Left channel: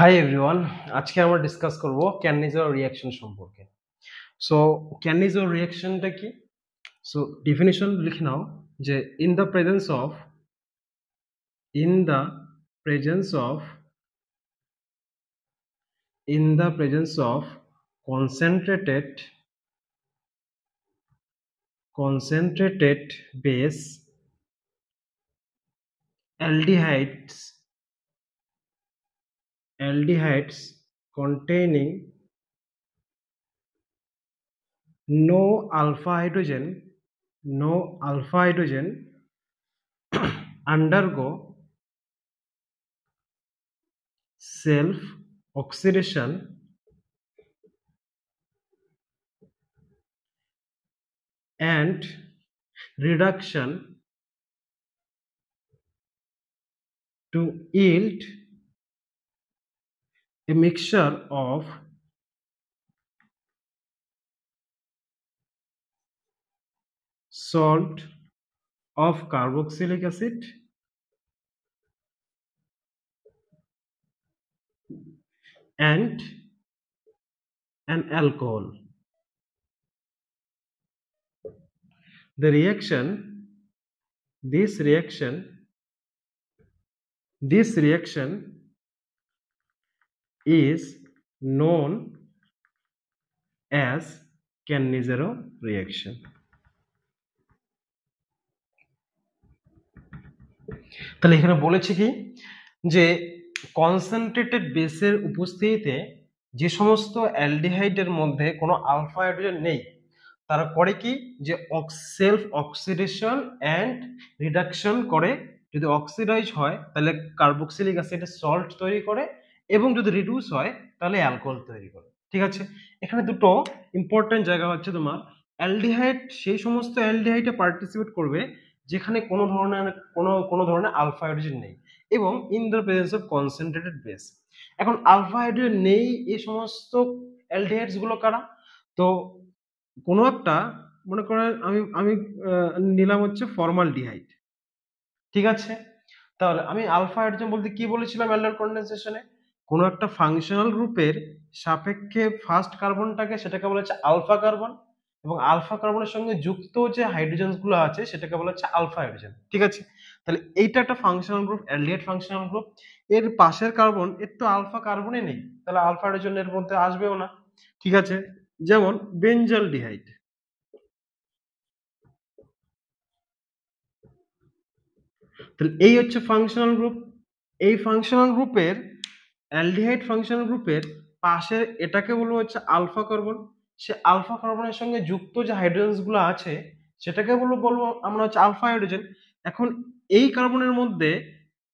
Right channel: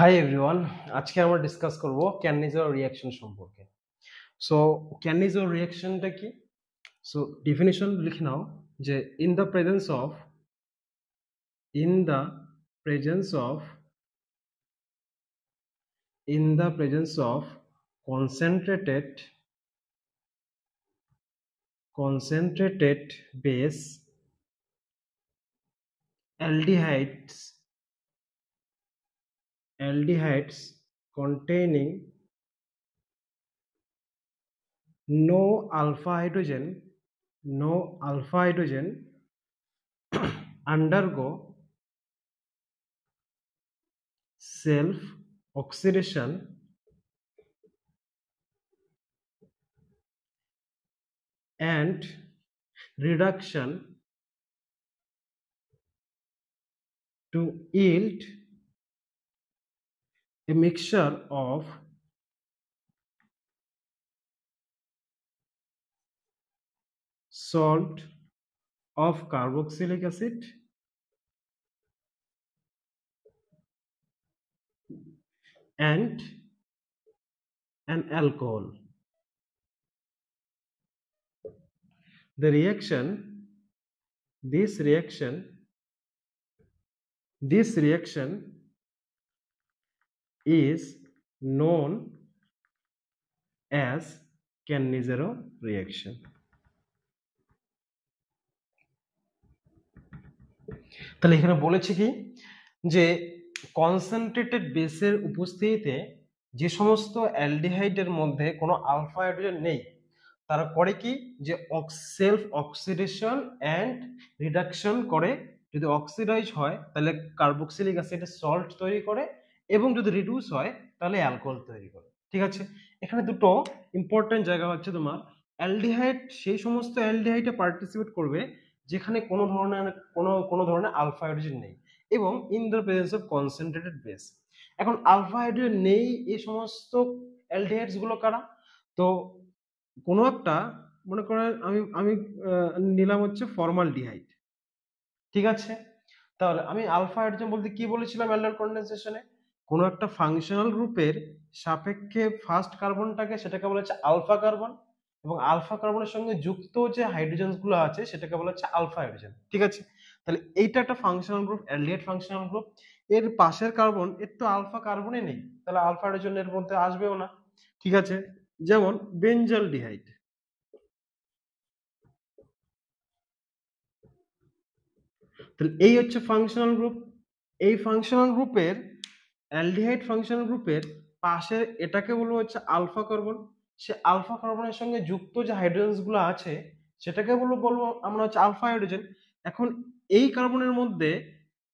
Hi everyone, আজকে আমরা discuss করব ক্যানিজার রিঅ্যাকশন সম্পর্কে। সো ক্যানিজার রিঅ্যাকশনটা কি? সো ডেফিনিশন লিখে নাও যে in the presence of in the presence of in the presence of concentrated base aldehydes containing no alpha hydrogen undergo self oxidation and reduction to yield a mixture of salt of carboxylic acid and an alcohol. This reaction is known as Cannizzaro reaction. তাহলে এখানে বলেছে কি যে concentrated বেসের উপস্থিতিতে যে সমস্ত অ্যালডিহাইডের মধ্যে কোনো আলফা হাইড্রোজেন নেই তারা করে কি যে সেলফ অক্সিডেশন অ্যান্ড রিডাকশন করে। যদি অক্সিডাইজ হয় তাহলে কার্বক্সিলিক অ্যাসিডের সল্ট তৈরি করে এবং যদি রিডিউস হয় তাহলে অ্যালকোহল তৈরি করে। ঠিক আছে, এখানে দুটো ইম্পর্টেন্ট জায়গা হচ্ছে তোমার অ্যালডিহাইড সেই সমস্ত অ্যালডিহাইডে পার্টিসিপেট করবে যেখানে কোনো ধরনের আলফা হাইড্রোজেন নেই এবং in the presence of concentrated base. এখন আলফা হাইড্রোজেন নেই এই সমস্ত অ্যালডিহাইডস গুলো কারা? তো কোনো একটা মনে করেন আমি নিলাম হচ্ছে ফর্মালডিহাইড। ঠিক আছে, তাহলে আমি আলফা হাইড্রোজেন বলতে কি বলেছিলাম অ্যালডিহাইড কন্ডেনসেশনে? কোনো একটা ফাংশনাল গ্রুপের সাপেক্ষে ফার্স্ট কার্বনটাকে সেটাকে বলা হচ্ছে আলফা কার্বন এবং আলফা কার্বনের সঙ্গে যুক্ত যে হাইড্রোজেন গুলো আছে সেটাকে বলা হচ্ছে আলফা হাইড্রোজেন। ঠিক আছে, তাহলে এইটা একটা functional group, aldehyde functional group. এর পাশের কার্বন এর তো আলফা কার্বনই নেই, তাহলে আলফা হাইড্রোজেন এর মধ্যে আসবেও না। ঠিক আছে, যেমন বেঞ্জালডিহাইড। তাহলে এই হচ্ছে ফাংশনাল গ্রুপ। এই ফাংশনাল গ্রুপের অ্যালডিহাইড ফাংশনাল গ্রুপের পাশে এটাকে বলবো হচ্ছে আলফা কার্বন। সে আলফা কার্বনের সঙ্গে যুক্ত যে হাইড্রোজেন গুলো আছে সেটাকে বলবো আমরা হচ্ছে আলফা হাইড্রোজেন। এখন এই কার্বনের মধ্যে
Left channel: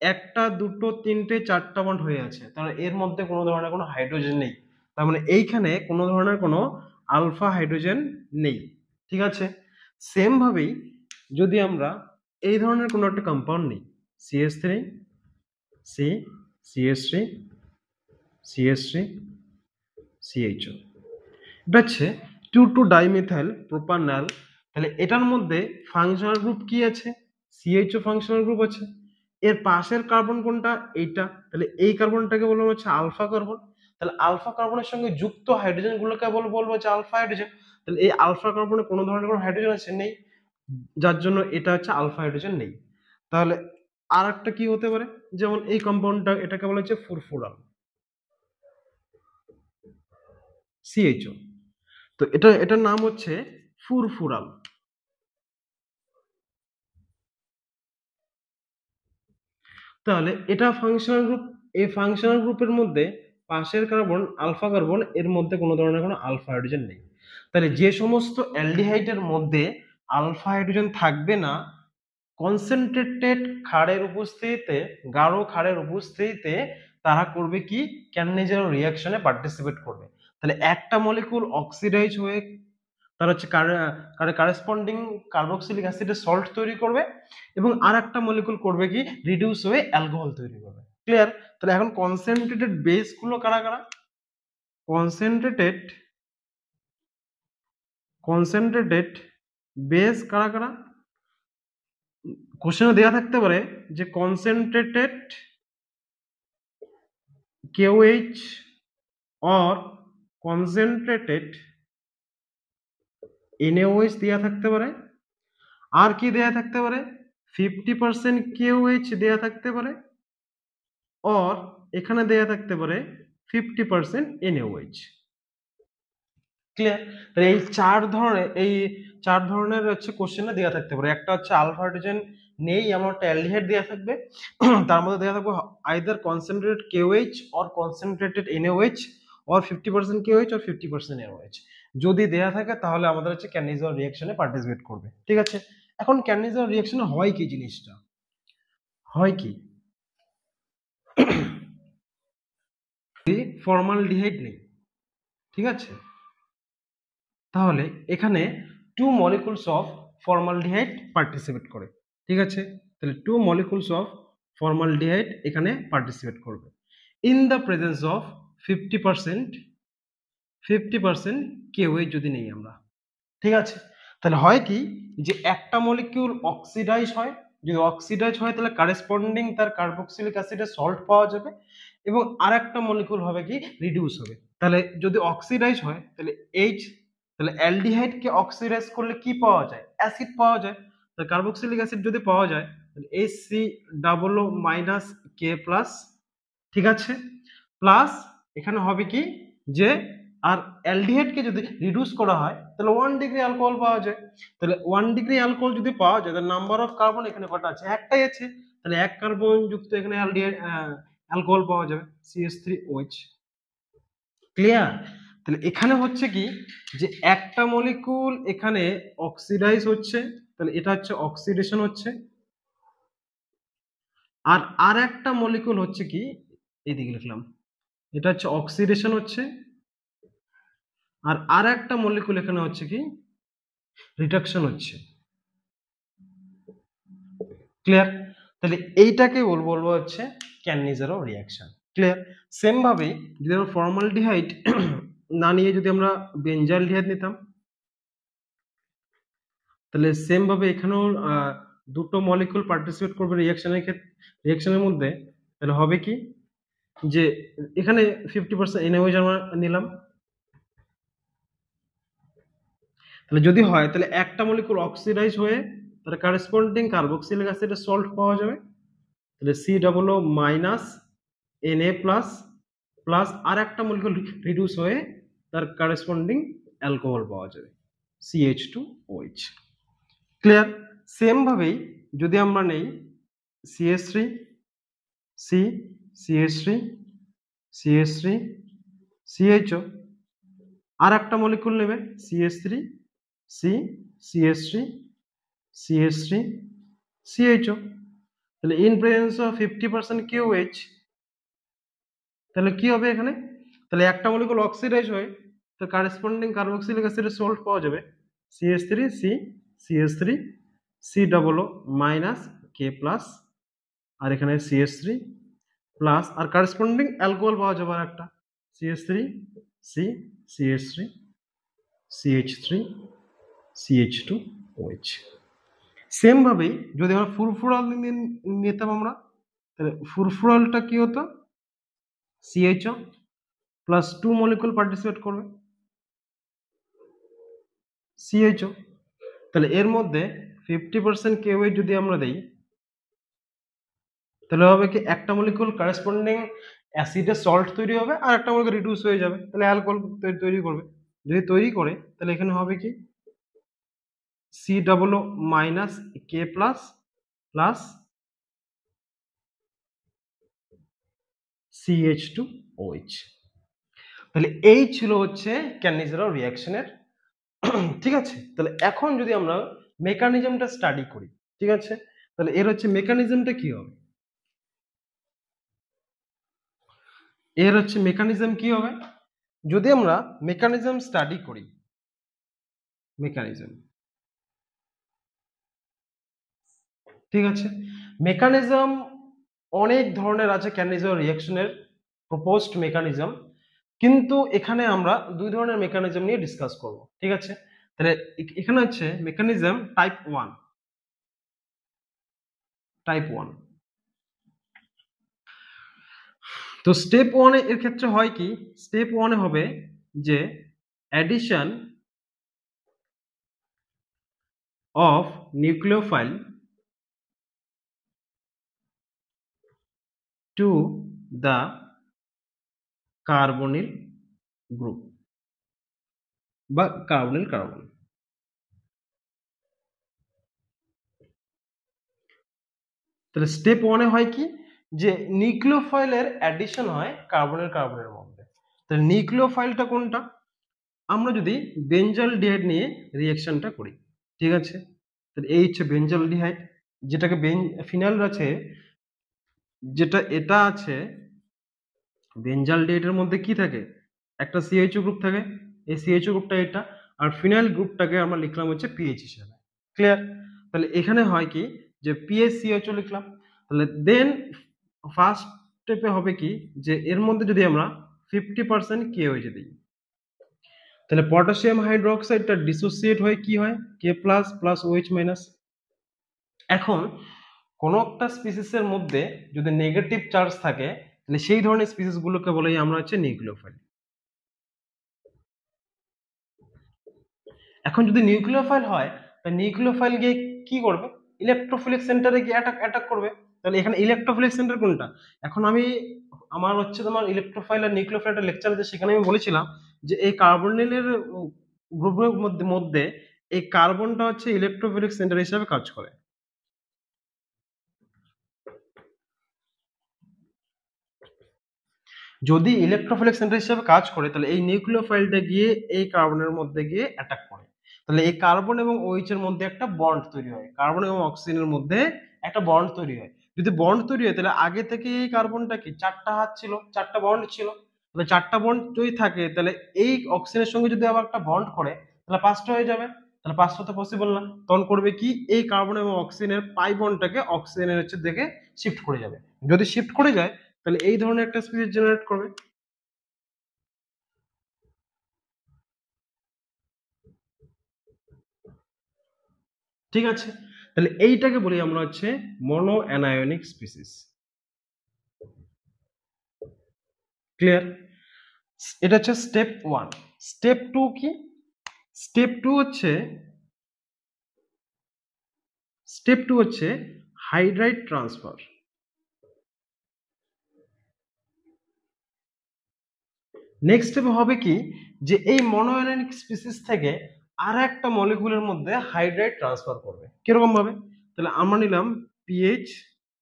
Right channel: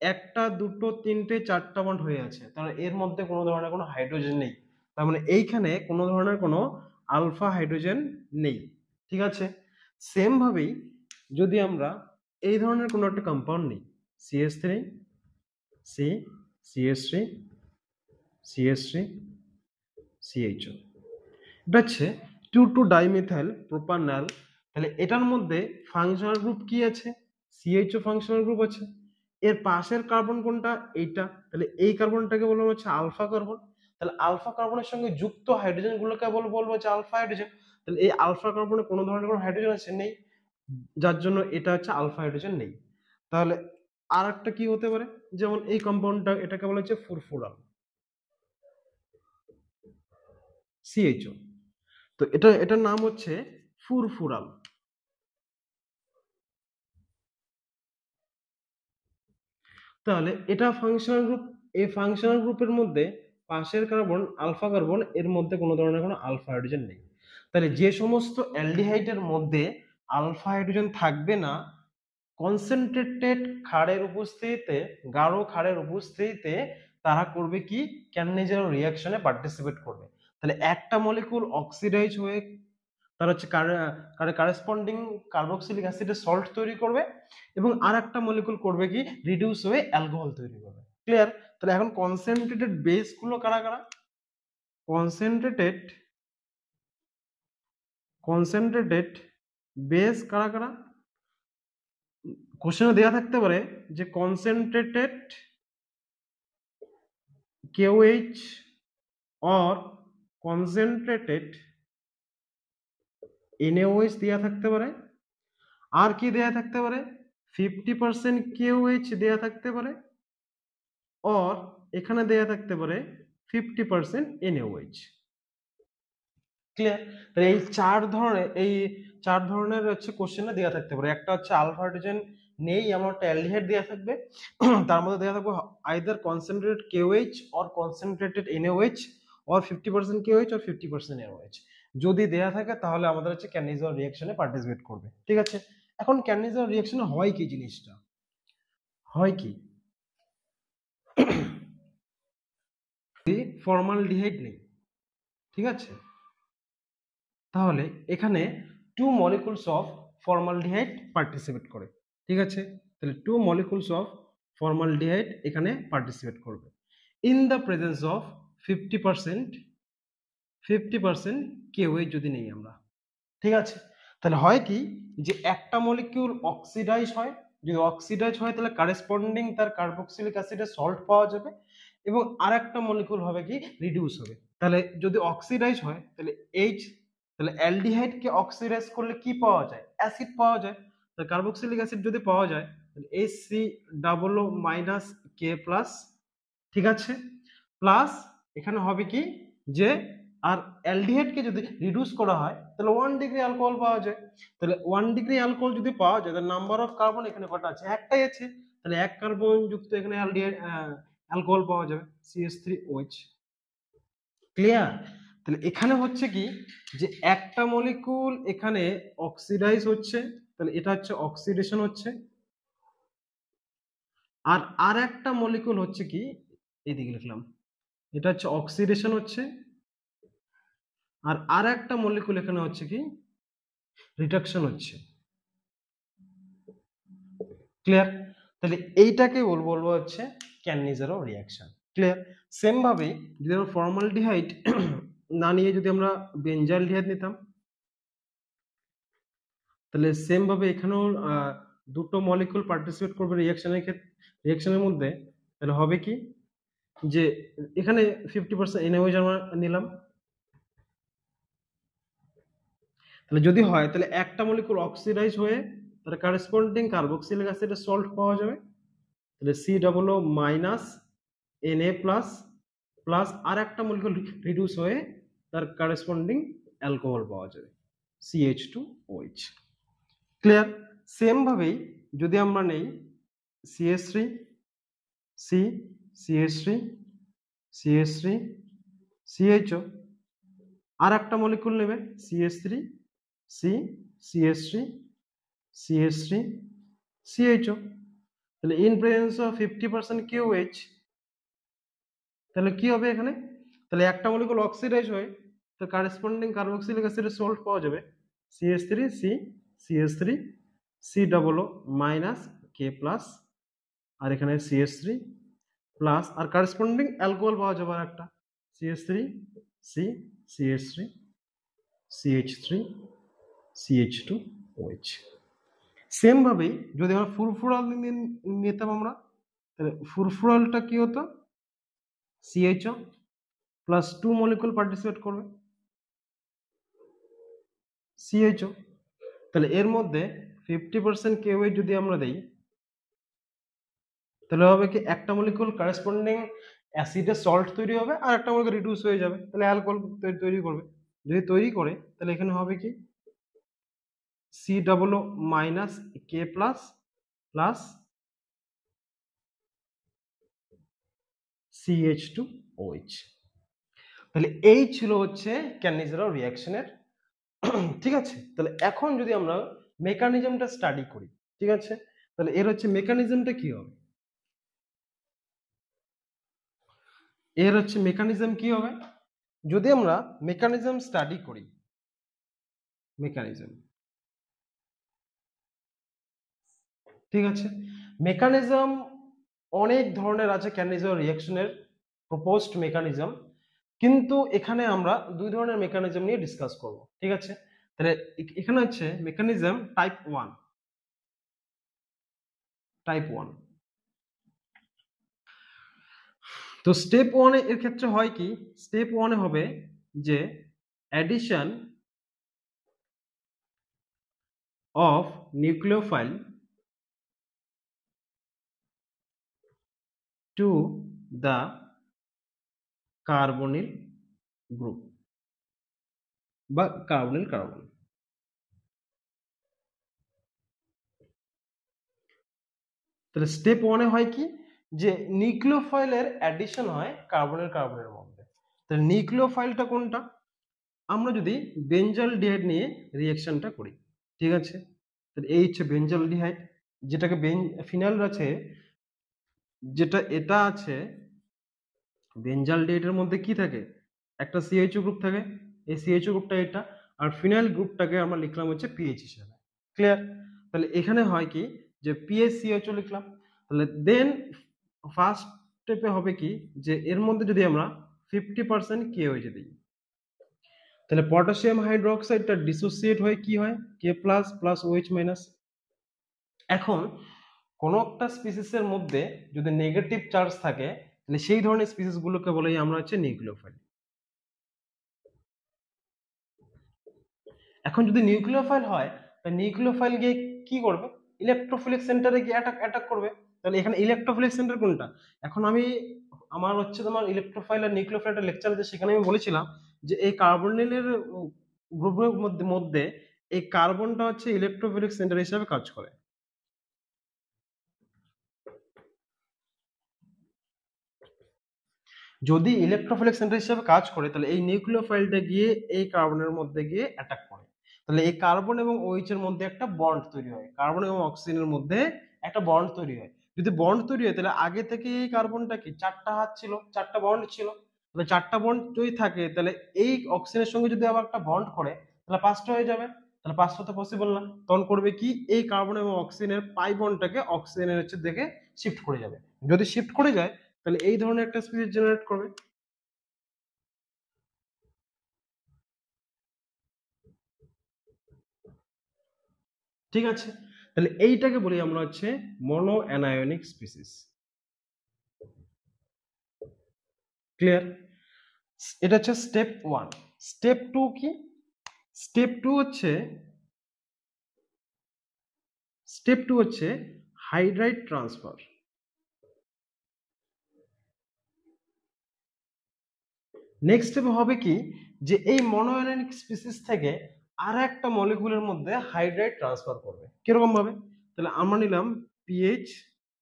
একটা দুটো তিনটে চারটা বন্ড হয়ে আছে, তাহলে এর মধ্যে কোনো ধরনের কোনো হাইড্রোজেন নেই, তার মানে এইখানে কোনো ধরনের কোনো আলফা হাইড্রোজেন নেই। ঠিক আছে, সেম ভাবেই যদি আমরা এই ধরনের কোনো একটা কম্পাউন্ড নিই CH3 CH3 CH3 CHO, এটা হচ্ছে 2,2-dimethyl propanol। তাহলে এটার মধ্যে ফাংশনাল গ্রুপ কি আছে? CHO ফাংশনাল গ্রুপ আছে। এর পাশের কার্বন কোনটা? এইটা। তাহলে এই কার্বনটাকে বলবো হচ্ছে আলফা কার্বন। তাহলে আলফা কার্বনের সঙ্গে যুক্ত হাইড্রোজেন গুলোকে বলবো হচ্ছে আলফা হাইড্রোজেন। তাহলে এই আলফা কার্বনে কোনো ধরনের কোনো হাইড্রোজেন আছে নেই, যার জন্য এটা হচ্ছে আলফা হাইড্রোজেন নেই। তাহলে আর একটা কি হতে পারে, যেমন এই কম্পাউন্ডটা এটাকে বলা হচ্ছে ফুরফুরাল CHO। তো এটার নাম হচ্ছে ফুরফুরাল। তাহলে এটা ফাংশনাল গ্রুপ। এই ফাংশনাল গ্রুপের মধ্যে পাশের কার্বন আলফা কার্বন, এর মধ্যে কোনো ধরনের কোনো আলফা হাইড্রোজেন নেই। তাহলে যে সমস্ত অ্যালডিহাইডের মধ্যে আলফা হাইড্রোজেন থাকবে না, কনসেন্ট্রেটেড ক্ষারের উপস্থিতিতে, গাঢ় ক্ষারের উপস্থিতিতে তারা করবে কি? ক্যানিজারো রিঅ্যাকশনে পার্টিসিপেট করবে। তাহলে একটা মলিকুল অক্সিডাইজ হয়ে তার হচ্ছে কারেসপন্ডিং কার্বক্সিলিক অ্যাসিডের সল্ট তৈরি করবে এবং আর একটা মলিকুল করবে কি? রিডিউস হয়ে অ্যালকোহল তৈরি করবে। ক্লিয়ার? তাহলে এখন কনসেন্ট্রেটেড বেস গুলো কারা কারা? কনসেন্ট্রেটেড বেস কারা কারা? কোশ্চেনে দেওয়া থাকতে পারে যে concentrated KOH or concentrated NaOH দেয়া থাকতে পারে, আর কি দেয়া থাকতে পারে 50% KOH দেয়া থাকতে পারে, or এখানে দেয়া থাকতে পারে 50% NaOH। ক্লিয়ার? তাহলে এই চার ধরনের হচ্ছে কোশ্চেনে দেওয়া থাকতে পারে। একটা হচ্ছে আলফা হাইড্রোজেন নেই, আমার একটা অ্যালডিহাইড দেওয়া থাকবে, তার মধ্যে দেওয়া থাকবে either concentrated KOH or concentrated NaOH or 50% KOH or 50% NaOH। যদি দেয়া থাকে তাহলে আমাদের হচ্ছে ক্যানিজার রিঅ্যাকশনে পার্টিসিপেট করবে। ঠিক আছে, এখন ক্যানিজার রিঅ্যাকশনে হয় কি জিনিসটা, হয় কি ফর্মালডিহাইড নেই, ঠিক আছে, তাহলে এখানে 2 molecules of formaldehyde participate করে। ঠিক আছে, তাহলে 2 molecules of formaldehyde এখানে participate করবে in the presence of 50% KOH যদি নেই আমরা। ঠিক আছে, তাহলে হয় কি যে একটা মলিকিউল অক্সিডাইজ হয়, যদি অক্সিডাইজ হয় তাহলে কারেসপন্ডিং তার কার্বক্সিলিক অ্যাসিডের সল্ট পাওয়া যাবে, এবং আরেকটা মলিকিউল হবে কি রিডিউস হবে। তাহলে যদি অক্সিডাইজ হয় তাহলে তাহলে অ্যালডিহাইড কে অক্সিডাইজ করলে কি পাওয়া যায়, অ্যাসিড পাওয়া যায়। তাহলে কার্বক্সিলিক অ্যাসিড যদি পাওয়া যায় তাহলে HCOO-K+, ঠিক আছে, প্লাস এখানে হবে কি যে আর অ্যালডিহাইড কে যদি রিডিউস করা হয় তাহলে 1 ডিগ্রি অ্যালকোহল পাওয়া যায়। তাহলে 1 ডিগ্রি অ্যালকোহল যদি পাওয়া যায় তাহলে নাম্বার অফ কার্বন এখানে কটা আছে, একটাই আছে, তাহলে এক কার্বন যুক্ত এখানে অ্যালডিহাইড অ্যালকোহল পাওয়া যাবে CH3OH। ক্লিয়ার? তাহলে এখানে হচ্ছে কি যে একটা মলিকিউল এখানে অক্সিডাইজ হচ্ছে, তাহলে এটা হচ্ছে অক্সিডেশন হচ্ছে, আর একটা মলিকিউল হচ্ছে কি এইদিকে লিখলাম, এটা হচ্ছে অক্সিডেশন হচ্ছে, আর একটা মলিকিউল এখানে হচ্ছে কি রিডাকশন হচ্ছে। ক্লিয়ার? তাহলে এইটাকে বলবো হচ্ছে ক্যানিজারো রিঅ্যাকশন। ক্লিয়ার? সেম ভাবে যদি আমরা ফর্মালডিহাইড না নিয়ে যদি আমরা বেনজালডিহাইড নিতাম, তাহলে সেম ভাবে এখানেও দুটো মলিকিউল পার্টিসিপেট করবে রিঅ্যাকশনের মধ্যে, তাহলে হবে কি যে এখানে 50% NaOH আমরা নিলাম, তাহলে যদি হয় তাহলে একটা মলিকিউল অক্সিডাইজ হয়ে তার কারেসপন্ডিং কার্বক্সিলিক অ্যাসিডের সল্ট পাওয়া যাবে, তাহলে COO- Na+, প্লাস আর একটা মলিকিউল রিডিউস হয়ে তার কারেসপন্ডিং অ্যালকোহল পাওয়া যাবে CH2OH। ক্লিয়ার? সেম ভাবেই যদি আমরা নেই CH3 C CH3 CH3 CHO, আর একটা মলিকিউল নেবে CH3 C CH3 CH3 CHO, তাহলে ইন প্রেজেন্স অফ 50% KOH, তাহলে কি হবে এখানে, তাহলে একটা মলিকিউল অক্সিডাইজ হয়ে তো কারেসপন্ডিং কার্বক্সিলিক অ্যাসিডের সল্ট পাওয়া যাবে CH3C CH3 COO- আর এখানে CH3 প্লাস আর কারেসপন্ডিং অ্যালকোহল পাওয়া যাবে আর একটা CH3C CH3 CH3 CH2OH। Same ভাবেই যদি আমরা ফুরফুরাল নিতাম আমরা, তাহলে ফুরফুরালটা কি হতো CHO প্লাস 2 মলিকিউল পার্টিসিপেট করবে CHO, তাহলে এর মধ্যে 50% KOH যদি আমরা দেই তাহলে হবে কি একটা মলিকিউল কারেসপন্ডিং অ্যাসিডের সল্ট তৈরি হবে আর একটা মলিকিউল রিডিউস হয়ে যাবে, তাহলে অ্যালকোহল তৈরি করবে। যদি তৈরি করে তাহলে এখানে হবে কি COO-K+, প্লাস CH2OH। তাহলে এই ছিল হচ্ছে ক্যানিজারো রিঅ্যাকশনের। ঠিক আছে, তাহলে এখন যদি আমরা মেকানিজমটা স্টাডি করি, ঠিক আছে, তাহলে এর হচ্ছে মেকানিজমটা কি হবে, এর হচ্ছে মেকানিজম কি হবে যদি আমরা মেকানিজম স্টাডি করি। মেকানিজম, ঠিক আছে, মেকানিজম অনেক ধরনের আছে ক্যানিজারো রিঅ্যাকশনের প্রপোজড মেকানিজম, কিন্তু এখানে আমরা দুই ধরনের মেকানিজম নিয়ে ডিসকাস করব। ঠিক আছে, তাহলে এখানে হচ্ছে মেকানিজম টাইপ 1। তো স্টেপ ওয়ানে এর ক্ষেত্রে হয় কি, স্টেপ ওয়ানে হবে যে addition of nucleophile to the carbonyl group বা কার্বনিল কার্বন। তাহলে স্টেপ ওয়ানে হয় কি, যে নিউক্লিওফাইলের অ্যাডিশন হয় কার্বনের কার্বনের মধ্যে। তাহলে নিউক্লিওফাইলটা কোনটা, আমরা যদি বেঞ্জালডিহাইড নিয়ে রিঅ্যাকশনটা করি, ঠিক আছে, তাহলে এই হচ্ছে বেঞ্জালডিহাইড, যেটাকে ফিনাইল আছে, যেটা এটা আছে বেঞ্জালডিহাইডের মধ্যে কি থাকে, একটা সিএইচও গ্রুপ থাকে, এই সিএইচও গ্রুপটা এটা, আর ফিনাইল গ্রুপটাকে আমরা লিখলাম হচ্ছে পিএইচ হিসেবে। ক্লিয়ার? তাহলে এখানে হয় কি, যে পিএইচ সিএইচও লিখলাম। তাহলে দেন ফার্স্ট স্টেপে হবে কি, যে এর মধ্যে যদি আমরা 50% KOH দিই, তাহলে পটাশিয়াম হাইড্রোক্সাইডটা ডিসোসিয়েট হয়ে কি হয়, K plus plus OH minus. এখন কোন একটা স্পিসিসের মধ্যে যদি নেগেটিভ চার্জ থাকে, তাহলে সেই ধরনের স্পিসিস গুলোকে বলি আমরা হচ্ছে নিউক্লিওফাইল। এখন যদি নিউক্লিওফাইল হয়, তাহলে নিউক্লিওফাইল গিয়ে কি করবে, ইলেকট্রোফিলিক সেন্টারে গিয়ে অ্যাটাক করবে। তাহলে এখানে ইলেকট্রোফিলিক সেন্টার কোনটা, এখন আমি আমার হচ্ছে তোমার ইলেকট্রোফাইল আর নিউক্লিওফাইলের লেকচার আছে, সেখানে আমি বলেছিলাম যে এই কার্বনিলের গ্রুপের মধ্যে এই কার্বনটা হচ্ছে ইলেকট্রোফিলিক সেন্টার হিসেবে কাজ করে। যদি ইলেকট্রোফিলিক সেন্টার হিসেবে কাজ করে, তাহলে এই নিউক্লিওফাইলটা গিয়ে এই কার্বনের মধ্যে গিয়ে অ্যাটাক করে। তাহলে এই কার্বন এবং OH এর মধ্যে একটা বন্ড তৈরি হয়, কার্বন এবং অক্সিজেনের মধ্যে একটা বন্ড তৈরি হয়। যদি বন্ড তৈরি হয়, তাহলে আগে থেকে এই কার্বনটা কি চারটা হাত ছিল, চারটা বন্ড ছিল, তাহলে চারটা বন্ড যদি থাকে, তাহলে এই অক্সিজেনের সঙ্গে যদি আবার একটা বন্ড করে, তাহলে পাঁচটা হয়ে যাবে। তাহলে পাঁচটা তো পসিবল না, তখন করবে কি, এই কার্বন এবং অক্সিজেনের পাই বন্ডটাকে অক্সিজেনের হচ্ছে দিকে শিফট করে যাবে। যদি শিফট করে যায়, তাহলে এই ধরনের একটা স্পিসিস জেনারেট করবে। ঠিক আছে, তাহলে এইটাকে বলি আমরা হচ্ছে মনো অ্যানায়নিক স্পিসিস। ক্লিয়ার? এটা হচ্ছে স্টেপ ওয়ান। স্টেপ টু কি, স্টেপ টু হচ্ছে হাইড্রাইড ট্রান্সফার। নেক্সট স্টেপে হবে কি, যে এই মনোঅ্যানায়নিক স্পিসিস থেকে আর একটা মলিকুলের মধ্যে হাইড্রাইড ট্রান্সফার করবে। কিরকম ভাবে, তাহলে আমরা নিলাম pH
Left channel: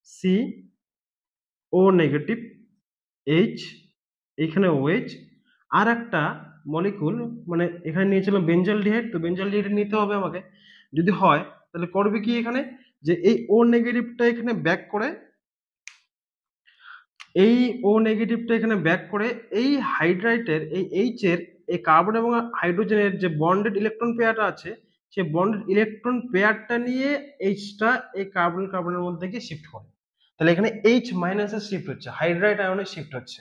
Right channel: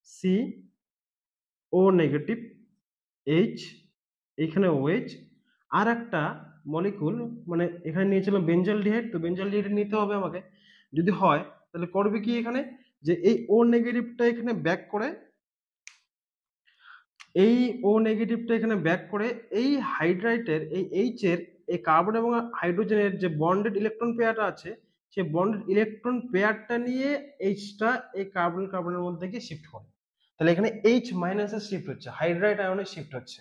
C O negative H, এখানে OH, আর একটা মলিকুল মানে এখানে নিয়েছিলাম বেঞ্জালডিহাইড, তো বেঞ্জালডিহাইড নিতে হবে আমাকে। যদি হয়, তাহলে করবে কি, এখানে যে এই O নেগেটিভটা এখানে ব্যাক করে, এই O নেগেটিভটা এখানে ব্যাক করে এই হাইড্রাইটের এই H এর এই কার্বন এবং হাইড্রোজেনের যে বন্ডেড ইলেকট্রন পেয়ারটা আছে, সেই বন্ডেড ইলেকট্রন পেয়ারটা নিয়ে Hটা এই কার্বনের মধ্যে গিয়ে শিফট করে। তাহলে এখানে H মাইনাসে শিফট হচ্ছে, হাইড্রাইড আয়নে শিফট হচ্ছে।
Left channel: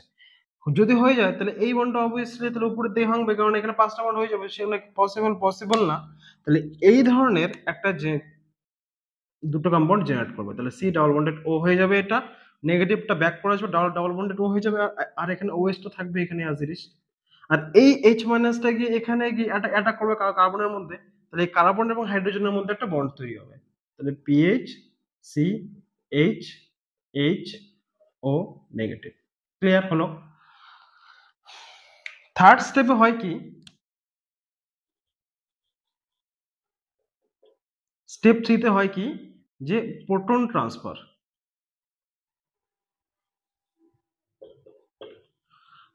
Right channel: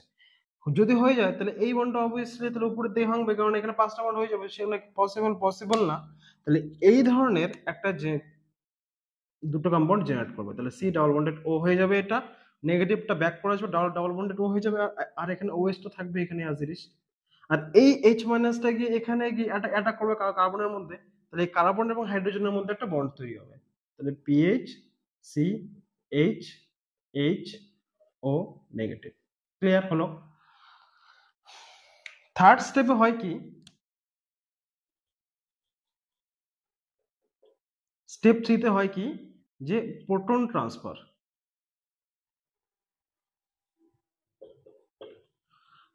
যদি হয়ে যায়, তাহলে এই বন্ডটা অবভিয়াসলি তাহলে উপরের দিকে ভাঙবে, কারণ এখানে পাঁচটা বন্ড হয়ে যাবে, সেগুলো পসিবল না। তাহলে এই ধরনের একটা যে দুটো কম্পাউন্ড জেনারেট করবে, তাহলে সি ডাবল বন্ডেড ও হয়ে যাবে, এটা নেগেটিভটা ব্যাক করে আসবে, ডাবল বন্ডেড ও হয়ে যাবে, আর এখানে OH টা থাকবে এখানে অ্যাজ ইট ইজ। আর এই H মাইনাসটা গিয়ে এখানে গিয়ে অ্যাটাক করবে কার্বনের মধ্যে, তাহলে এই কার্বন এবং হাইড্রোজেনের মধ্যে একটা বন্ড তৈরি হবে। তাহলে PH CH HO negative. Clear হলো? থার্ড স্টেপে হয় কি, স্টেপ 3 তে হয় কি, যে প্রোটন ট্রান্সফার।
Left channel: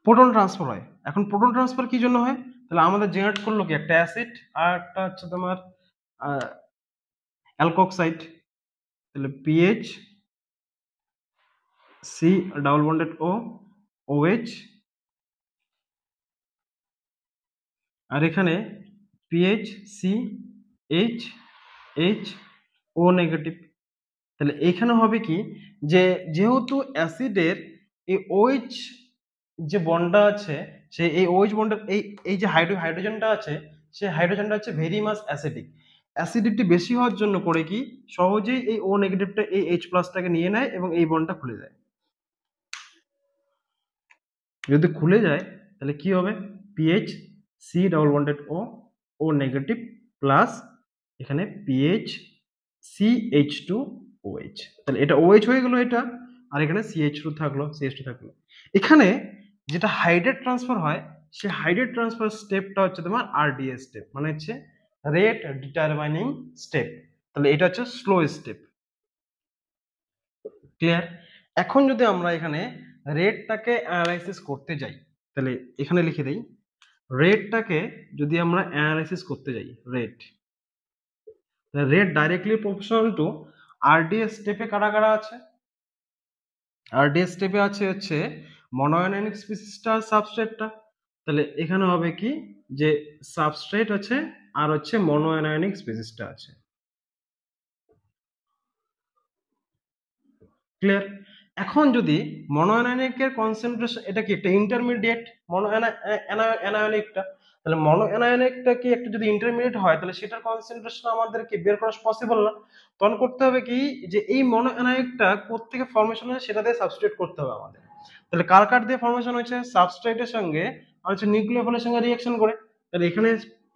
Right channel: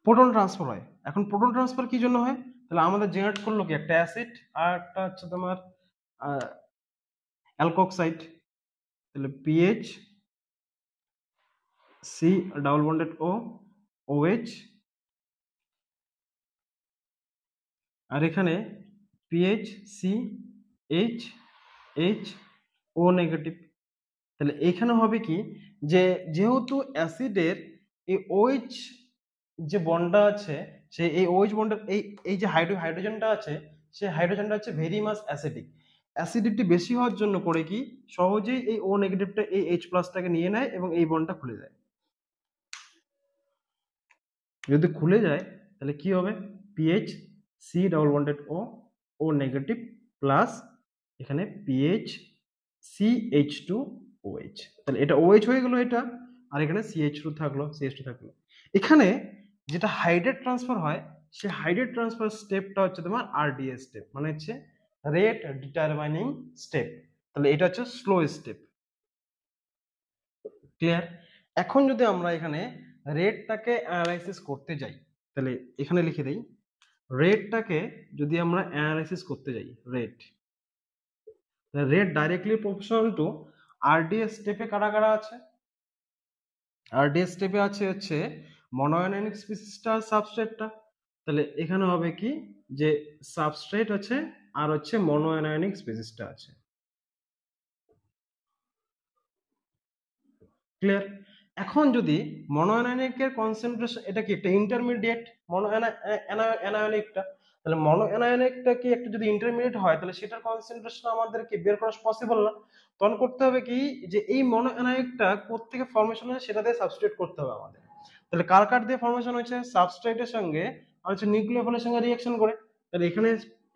প্রোটন ট্রান্সফার হয়। এখন প্রোটন ট্রান্সফার কি জন্য হয়, তাহলে আমাদের জেনারেট করলো কি একটা অ্যাসিড আর একটা হচ্ছে তোমার অ্যালকোক্সাইড। তাহলে পিএইচ সি ডাবল বন্ডেড ও OH, আর এখানে পিএইচ সি HO নেগেটিভ। তাহলে এখানে হবে কি, যে যেহেতু অ্যাসিডের এই OH যে বন্ডটা আছে, সেই এই OH বন্ডের এই যে হাইড্রোজেনটা আছে, সেই হাইড্রোজেনটা হচ্ছে ভেরি মাস অ্যাসিডিক। অ্যাসিডিটি বেশি হওয়ার জন্য করে কি, সহজেই এই O নেগেটিভটা এই H প্লাসটাকে নিয়ে নেয় এবং এই বন্ডটা খুলে দেয়। যদি খুলে যায় তাহলে কি হবে, pH C double bonded O, ও নেগেটিভ, প্লাস এখানে পিএইচ CH2 OH, তাহলে এটা OH হয়ে গেল এটা, আর এখানে CH2 থাকলো, CH2 থাকলো। এখানে যেটা হাইড্রেট ট্রান্সফার হয়, সেই হাইড্রেট ট্রান্সফার স্টেপটা হচ্ছে তোমার RDS স্টেপ, মানে হচ্ছে রেট ডিটারমাইনিং স্টেপ, তাহলে এটা হচ্ছে স্লো স্টেপ। ক্লিয়ার? এখন যদি আমরা এখানে রেটটাকে অ্যানালাইসিস করতে যাই, তাহলে এখানে লিখে দেই, রেটটাকে যদি আমরা অ্যানালাইসিস করতে যাই, rate directly proportional two RDS স্টেপে কারা কারা আছে, RDS স্টেপে আছে হচ্ছে মনোআয়নিক স্পিসিসটা, সাবস্ট্রেটটা, তাহলে এখানে হবে কি যে সাবস্ট্রেট আছে আর হচ্ছে মনোআয়নিক স্পিসিসটা আছে। ক্লিয়ার? এখন যদি মনোঅ্যানায়নিকের কনসেন্ট্রেশন, এটা কি একটা ইন্টারমিডিয়েট মনোঅ্যানায়নিকটা, তাহলে মনোঅ্যানায়নিকটা কি একটা যদি ইন্টারমিডিয়েট হয়, তাহলে সেটার কনসেন্ট্রেশন আমাদেরকে বের করা পসিবল না। তখন করতে হবে কি যে এই মনোঅ্যানায়নিকটা কোত্থেকে ফর্মেশন হয় সেটা দিয়ে সাবস্টিটিউট করতে হবে আমাদের। তাহলে কার কার দিয়ে ফর্মেশন হয়েছে, সাবস্ট্রেটের সঙ্গে আর হচ্ছে নিউক্লিওফিলের সঙ্গে রিঅ্যাকশন করে। তাহলে এখানে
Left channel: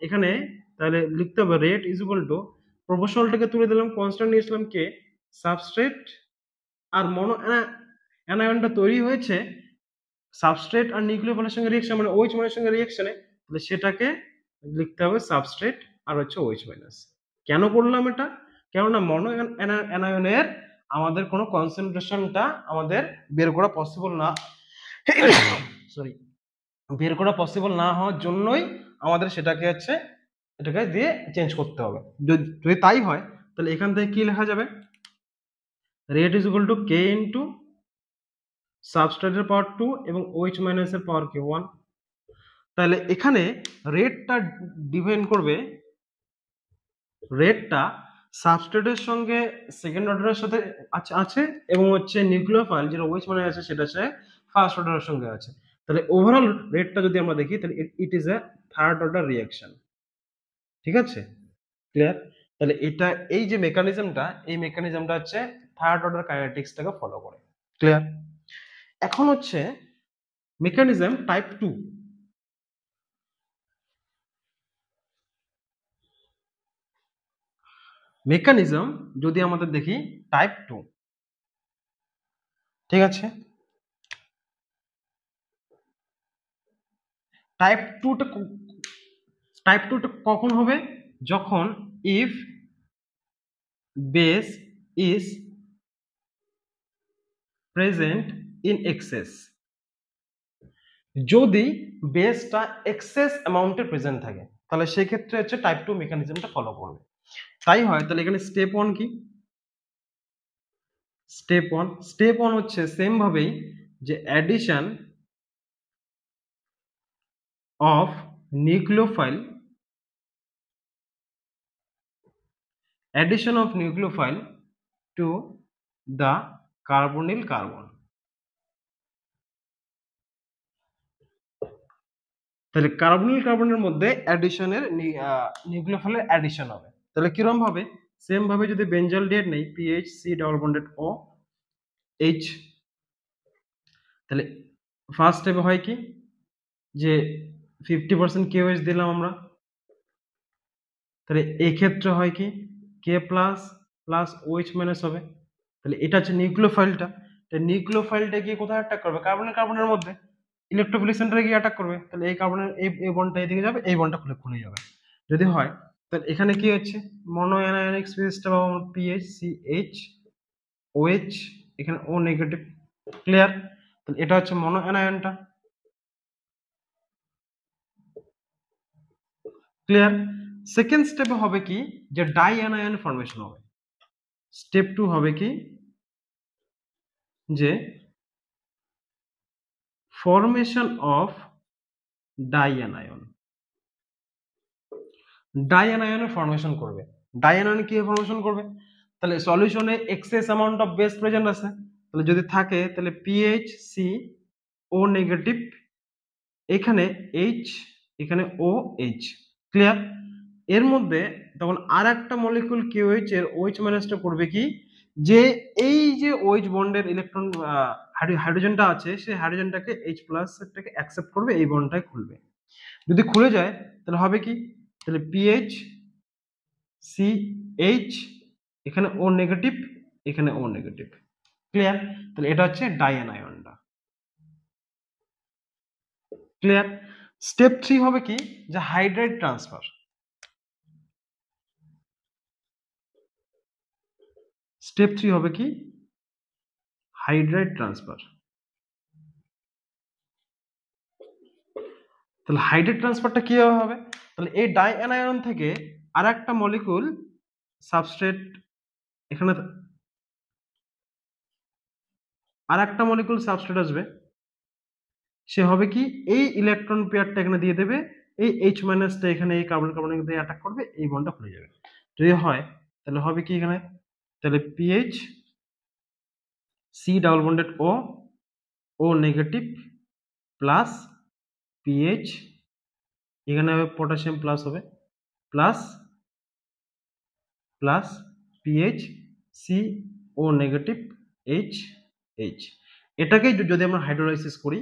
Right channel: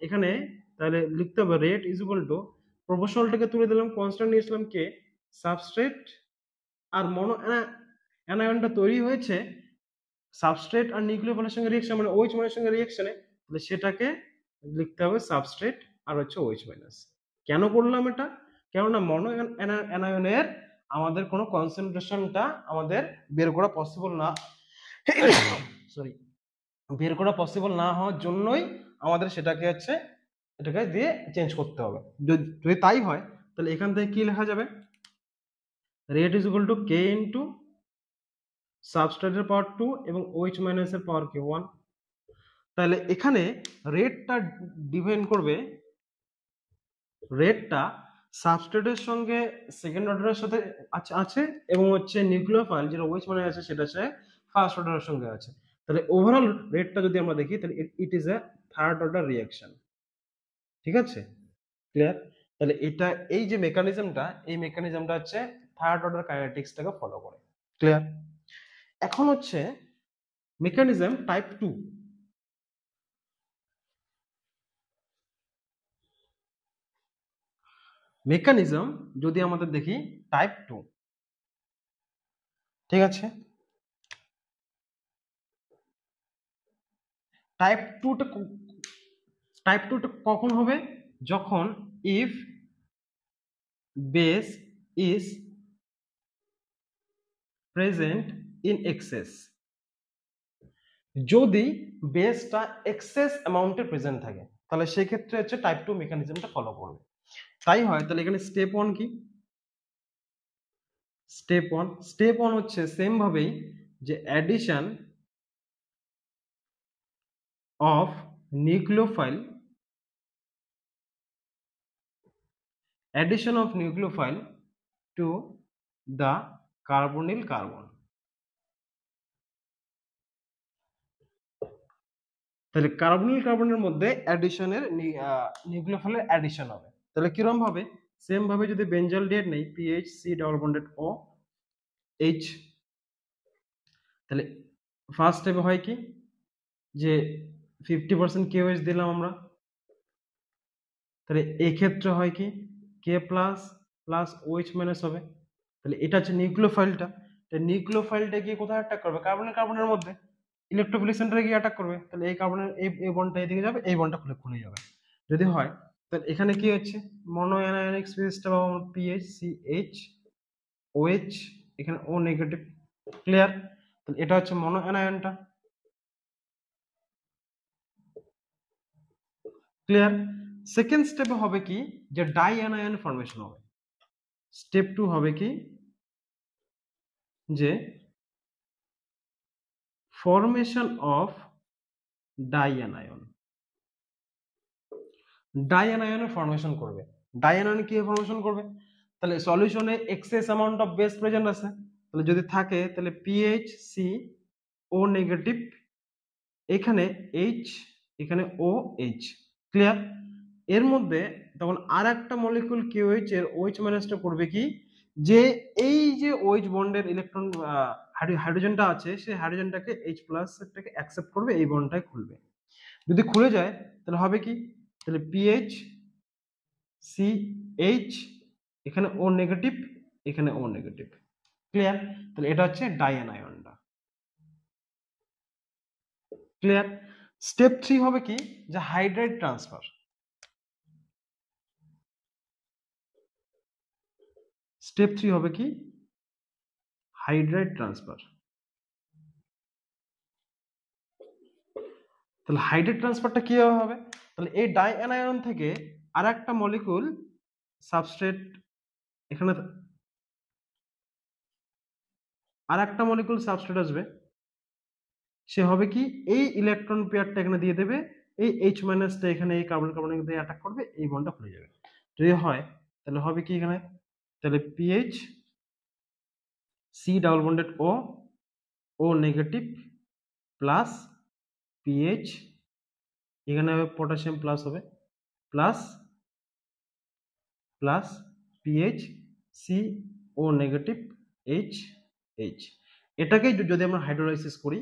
এখানে তাহলে লিখতে হবে রেট ইজ ইকুয়াল টু, প্রপোর্শনালটাকে তুলে দিলাম, কনস্ট্যান্ট নিয়েছিলাম কে, সাবস্ট্রেট, আর মনো অ্যানায়নটা তৈরি হয়েছে সাবস্ট্রেট আর নিউক্লিওফিলের সঙ্গে রিঅ্যাকশন, মানে OH মাইনাসের সঙ্গে রিঅ্যাকশনে, তাহলে সেটাকে লিখতে হবে সাবস্ট্রেট আর হচ্ছে OH মাইনাস। কেন করলাম এটা, কেননা মনো অ্যানায়নের আমাদের কোনো কনসেন্ট্রেশনটা আমাদের বের করা পসিবল না, সরি, বের করা পসিবল না হওয়ার জন্যই আমাদের সেটাকে হচ্ছে এটাকে দিয়ে চেঞ্জ করতে হবে। যদি তাই হয় তাহলে এখান থেকে কি লেখা যাবে, rate is equal to K into সাবস্ট্রেটের পাওয়ার 2 এবং OH মাইনাসের পাওয়ার কি 1। তাহলে এখানে রেটটা ডিপেন্ড করবে, রেটটা সাবস্ট্রেটের সঙ্গে সেকেন্ড অর্ডারের সাথে আছে এবং হচ্ছে নিউক্লিওফাইল যেটা OH মানে আছে সেটা হচ্ছে ফার্স্ট অর্ডারের সঙ্গে আছে। তাহলে ওভারঅল রেটটা যদি আমরা দেখি তাহলে it is a third order reaction. ঠিক আছে? ক্লিয়ার? তাহলে এটা এই যে মেকানিজমটা, এই মেকানিজমটা হচ্ছে থার্ড অর্ডার কাইনেটিক্সটাকে ফলো করে। ক্লিয়ার? এখন হচ্ছে মেকানিজম টাইপ 2। মেকানিজম যদি আমাদের দেখি টাইপ 2, ঠিক আছে? টাইপ 2টা কখন হবে, যখন if base is present in access, যদি বেসটা এক্সেস অ্যামাউন্টে প্রেজেন্ট থাকে তাহলে সেই ক্ষেত্রে হচ্ছে টাইপ 2 মেকানিজমটা ফলো করবে। তাই হয়, তাহলে এখানে স্টেপ 1 কি, স্টেপ 1 হচ্ছে সেম ভাবেই যে addition of nucleophile, addition of nucleophile to the carbonyl carbon। তাহলে কার্বনিল কার্বনের মধ্যে অ্যাডিশনের নিউক্লিওফাইলের অ্যাডিশন হবে। তাহলে কিরকম ভাবে, সেম ভাবে যদি বেঞ্জলডিহাইড নেই, PH C double bonded O H, তাহলে ফার্স্ট স্টেপে হয় কি যে 50% KOH দিলাম আমরা, তাহলে এই ক্ষেত্রে হয় কি k plus plus OH minus হবে। তাহলে এটা হচ্ছে নিউক্লিওফাইলটা, নিউক্লিওফাইলটা গিয়ে কোথায় অ্যাটাক করবে, কার্বনের কার্বনের মধ্যে ইলেকট্রোফিলিক সেন্টারে গিয়ে অ্যাটাক করবে। তাহলে এই কার্বনের এই বন্ডটা এদিকে যাবে, এই বন্ডটা খুলে যাবে। যদি হয় তাহলে এখানে কি হচ্ছে মনোঅ্যানায়নিক স্পিসিসটা পাবো আমরা PHCH OH, এখানে O নেগেটিভ। ক্লিয়ার? তাহলে এটা হচ্ছে মনোঅ্যানায়নটা। ক্লিয়ার? সেকেন্ড স্টেপে হবে কি যে ডাই অ্যানায়ন ফর্মেশন হবে। স্টেপ 2 হবে কি যে ফর্মেশন অফ ডাইঅ্যানায়ন, ডাইঅ্যানায়নের ফর্মেশন করবে। ডাইঅ্যানায়ন কি ফর্মেশন করবে, তাহলে সলিউশনে excess amount of base present আছে, তাহলে যদি থাকে তাহলে PHC O নেগেটিভ, এখানে H, এখানে OH। ক্লিয়ার? এর মধ্যে তখন আর একটা মলিকিউল KOH এর OH মাইনাসটা করবে কি যে এই যে OH বন্ডের ইলেকট্রন হাইড্রোজেনটা আছে সেই হাইড্রোজেনটাকে H+টাকে অ্যাকসেপ্ট করবে, এই বন্ডটাই খুলবে। যদি খুলে যায় তাহলে হবে কি, তাহলে PH CH, এখানে O নেগেটিভ, এখানে O নেগেটিভ। ক্লিয়ার? তাহলে এটা হচ্ছে ডাইঅ্যানায়নটা। ক্লিয়ার? স্টেপ 3 হবে কি, যে হাইড্রাইড ট্রান্সফার। স্টেপ 3 হবে কি, হাইড্রাইড ট্রান্সফার। তাহলে হাইড্রাইড ট্রান্সফারটা কিভাবে হবে, তাহলে এই ডাইঅ্যানায়ন থেকে আর একটা মলিকুল সাবস্ট্রেট, এখানে আর একটা মলিকুল সাবস্ট্রেট আসবে, সে হবে কি এই ইলেকট্রন পেয়ারটা এখানে দিয়ে দেবে, এই H- টা এখানে এই কার্বন কার্বন দিয়ে অ্যাটাক করবে, এই বন্ডটা খুলে যাবে। যদি হয় তাহলে হবে কি এখানে, তাহলে PH C double bonded O negative plus PH, এখানে হবে পটাশিয়াম প্লাস হবে, plus plus PH CO negative H, এটাকেই যদি আমরা হাইড্রোলাইসিস করি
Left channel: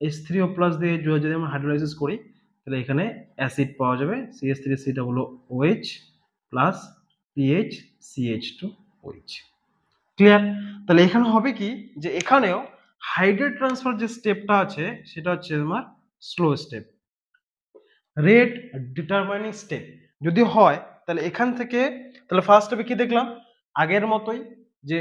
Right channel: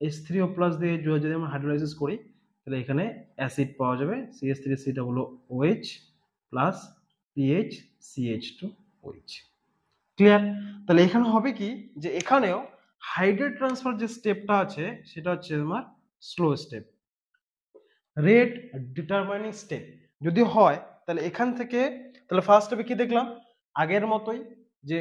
H3O+ দিয়ে যদি আমরা হাইড্রোলাইসিস করি তাহলে এখানে অ্যাসিড পাওয়া যাবে, CH3COOH plus PH CH2OH। Clear? তাহলে এখানে হবে কি, যে এখানেও হাইড্রাইড ট্রান্সফার যে স্টেপটা আছে সেটা হচ্ছে তোমার slow step, rate determining step. যদি হয় তাহলে এখান থেকে, তাহলে ফার্স্ট স্টেপে কি দেখলাম, আগের মতোই যে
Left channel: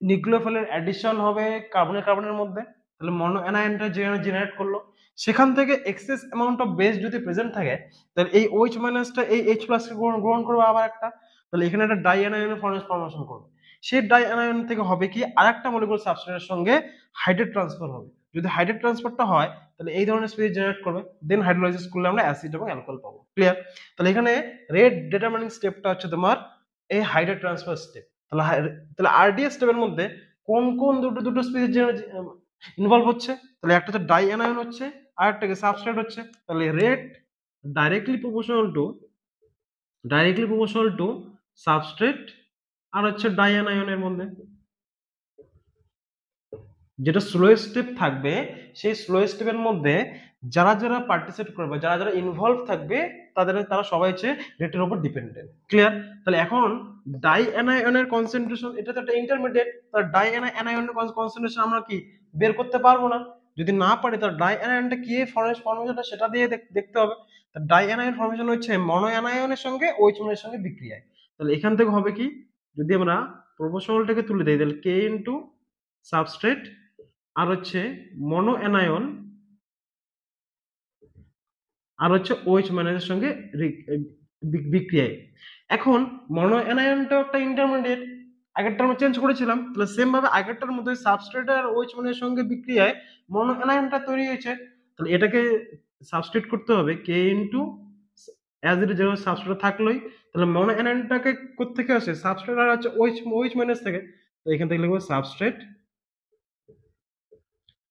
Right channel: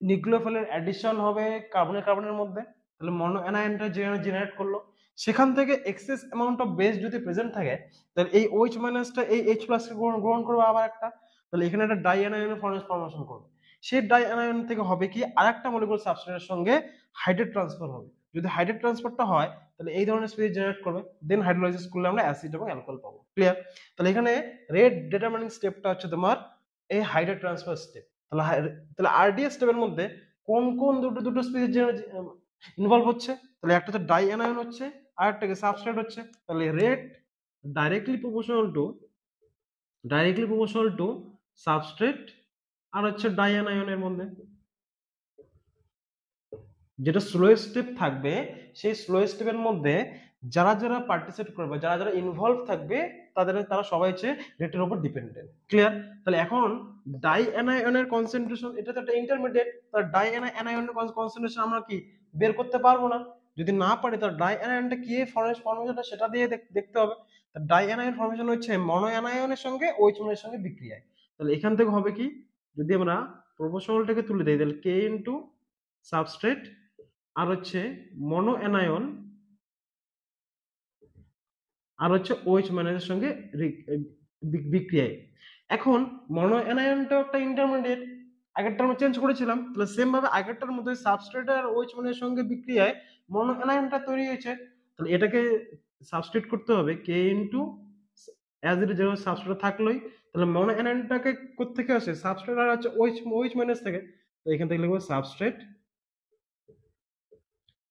নিউক্লিওফিলের অ্যাডিশন হবে কার্বনের কার্বনের মধ্যে, তাহলে মনো অ্যানায়নটা জেনারেট করলো, সেখান থেকে এক্সেস অ্যামাউন্ট অফ বেস যদি প্রেজেন্ট থাকে তাহলে এই OH- এই H+ কে গ্রহণ করবে আবার একটা, তাহলে এখানে একটা ডাইঅ্যানায়নের ফর্মেশন করবে। সেই ডাইঅ্যানায়ন থেকে হবে কি, আরেকটা মলিকুল সাবস্ট্রেটের সঙ্গে হাইড্রাইড ট্রান্সফার হবে। যদি হাইড্রাইড ট্রান্সফারটা হয় তাহলে এই ধরনের স্পিসিস জেনারেট করবে, দেন হাইড্রোলাইসিস করলে আমরা অ্যাসিড এবং অ্যালকোহল পাবো। ক্লিয়ার? তাহলে এখানে রেট ডিটারমাইনিং স্টেপটা হচ্ছে তোমার এই হাইড্রাইড ট্রান্সফার স্টেপ। তাহলে RDS স্টেপের মধ্যে কোন কোন দুটো স্পিসিস ইনভলভ হচ্ছে, তাহলে একটা হচ্ছে ডাইঅ্যানায়ন হচ্ছে, আর একটা সাবস্ট্রেট হচ্ছে। তাহলে rate directly proportional to substrate আর হচ্ছে ডাইঅ্যানায়নের মধ্যে। যেটা স্লো স্টেপ থাকবে সেই স্লো স্টেপের মধ্যে যারা যারা পার্টিসিপেট করবে, যারা যারা ইনভলভ থাকবে, তারা সবাই হচ্ছে রেটের উপর ডিপেন্ডেন্ট। ক্লিয়ার? তাহলে এখন ডাইঅ্যানায়নের কনসেন্ট্রেশন, এটা তো একটা ইন্টারমিডিয়েট, তার ডাইঅ্যানায়নের কনসেন্ট্রেশন আমরা কি বের করতে পারবো না, যদি না পারি তার ডাইঅ্যানায়নটা কি ফর্মেশনটা সেটা দিয়ে দেখতে হবে। তার ডাইঅ্যানায়ন ফর্মেশন হচ্ছে মনো অ্যানায়নের সঙ্গে OH এর সঙ্গে বিক্রিয়ায়। তাহলে এখান থেকে হবে কি, যদি আমরা প্রপোর্শনালটাকে তুলে দেই তাহলে K ইনটু সাবস্ট্রেট আর হচ্ছে মনো অ্যানায়ন আর হচ্ছে OH- এর সঙ্গে বিক্রিয়ায়। এখন মনো অ্যানায়নটাও একটা ইন্টারমিডিয়েট, আগেরটা আমরা চেঞ্জ করেছিলাম, তাহলে সেম ভাবে আগেরটার মধ্যে সাবস্ট্রেট আর OH- এর সঙ্গে বিক্রিয়ায় মনো অ্যানায়নটা তৈরি হয়েছে, তাহলে এটাকে সাবস্টিটিউট করতে হবে K ইনটু, অ্যাজ ইট যেভাবে সাবস্ট্রেট থাকলোই, তাহলে মনো অ্যানায়নটাকে কোথা থেকে আসে, সাবস্ট্রেট আর হচ্ছে OH- থেকে, তো এখান থেকে লিখবো সাবস্ট্রেট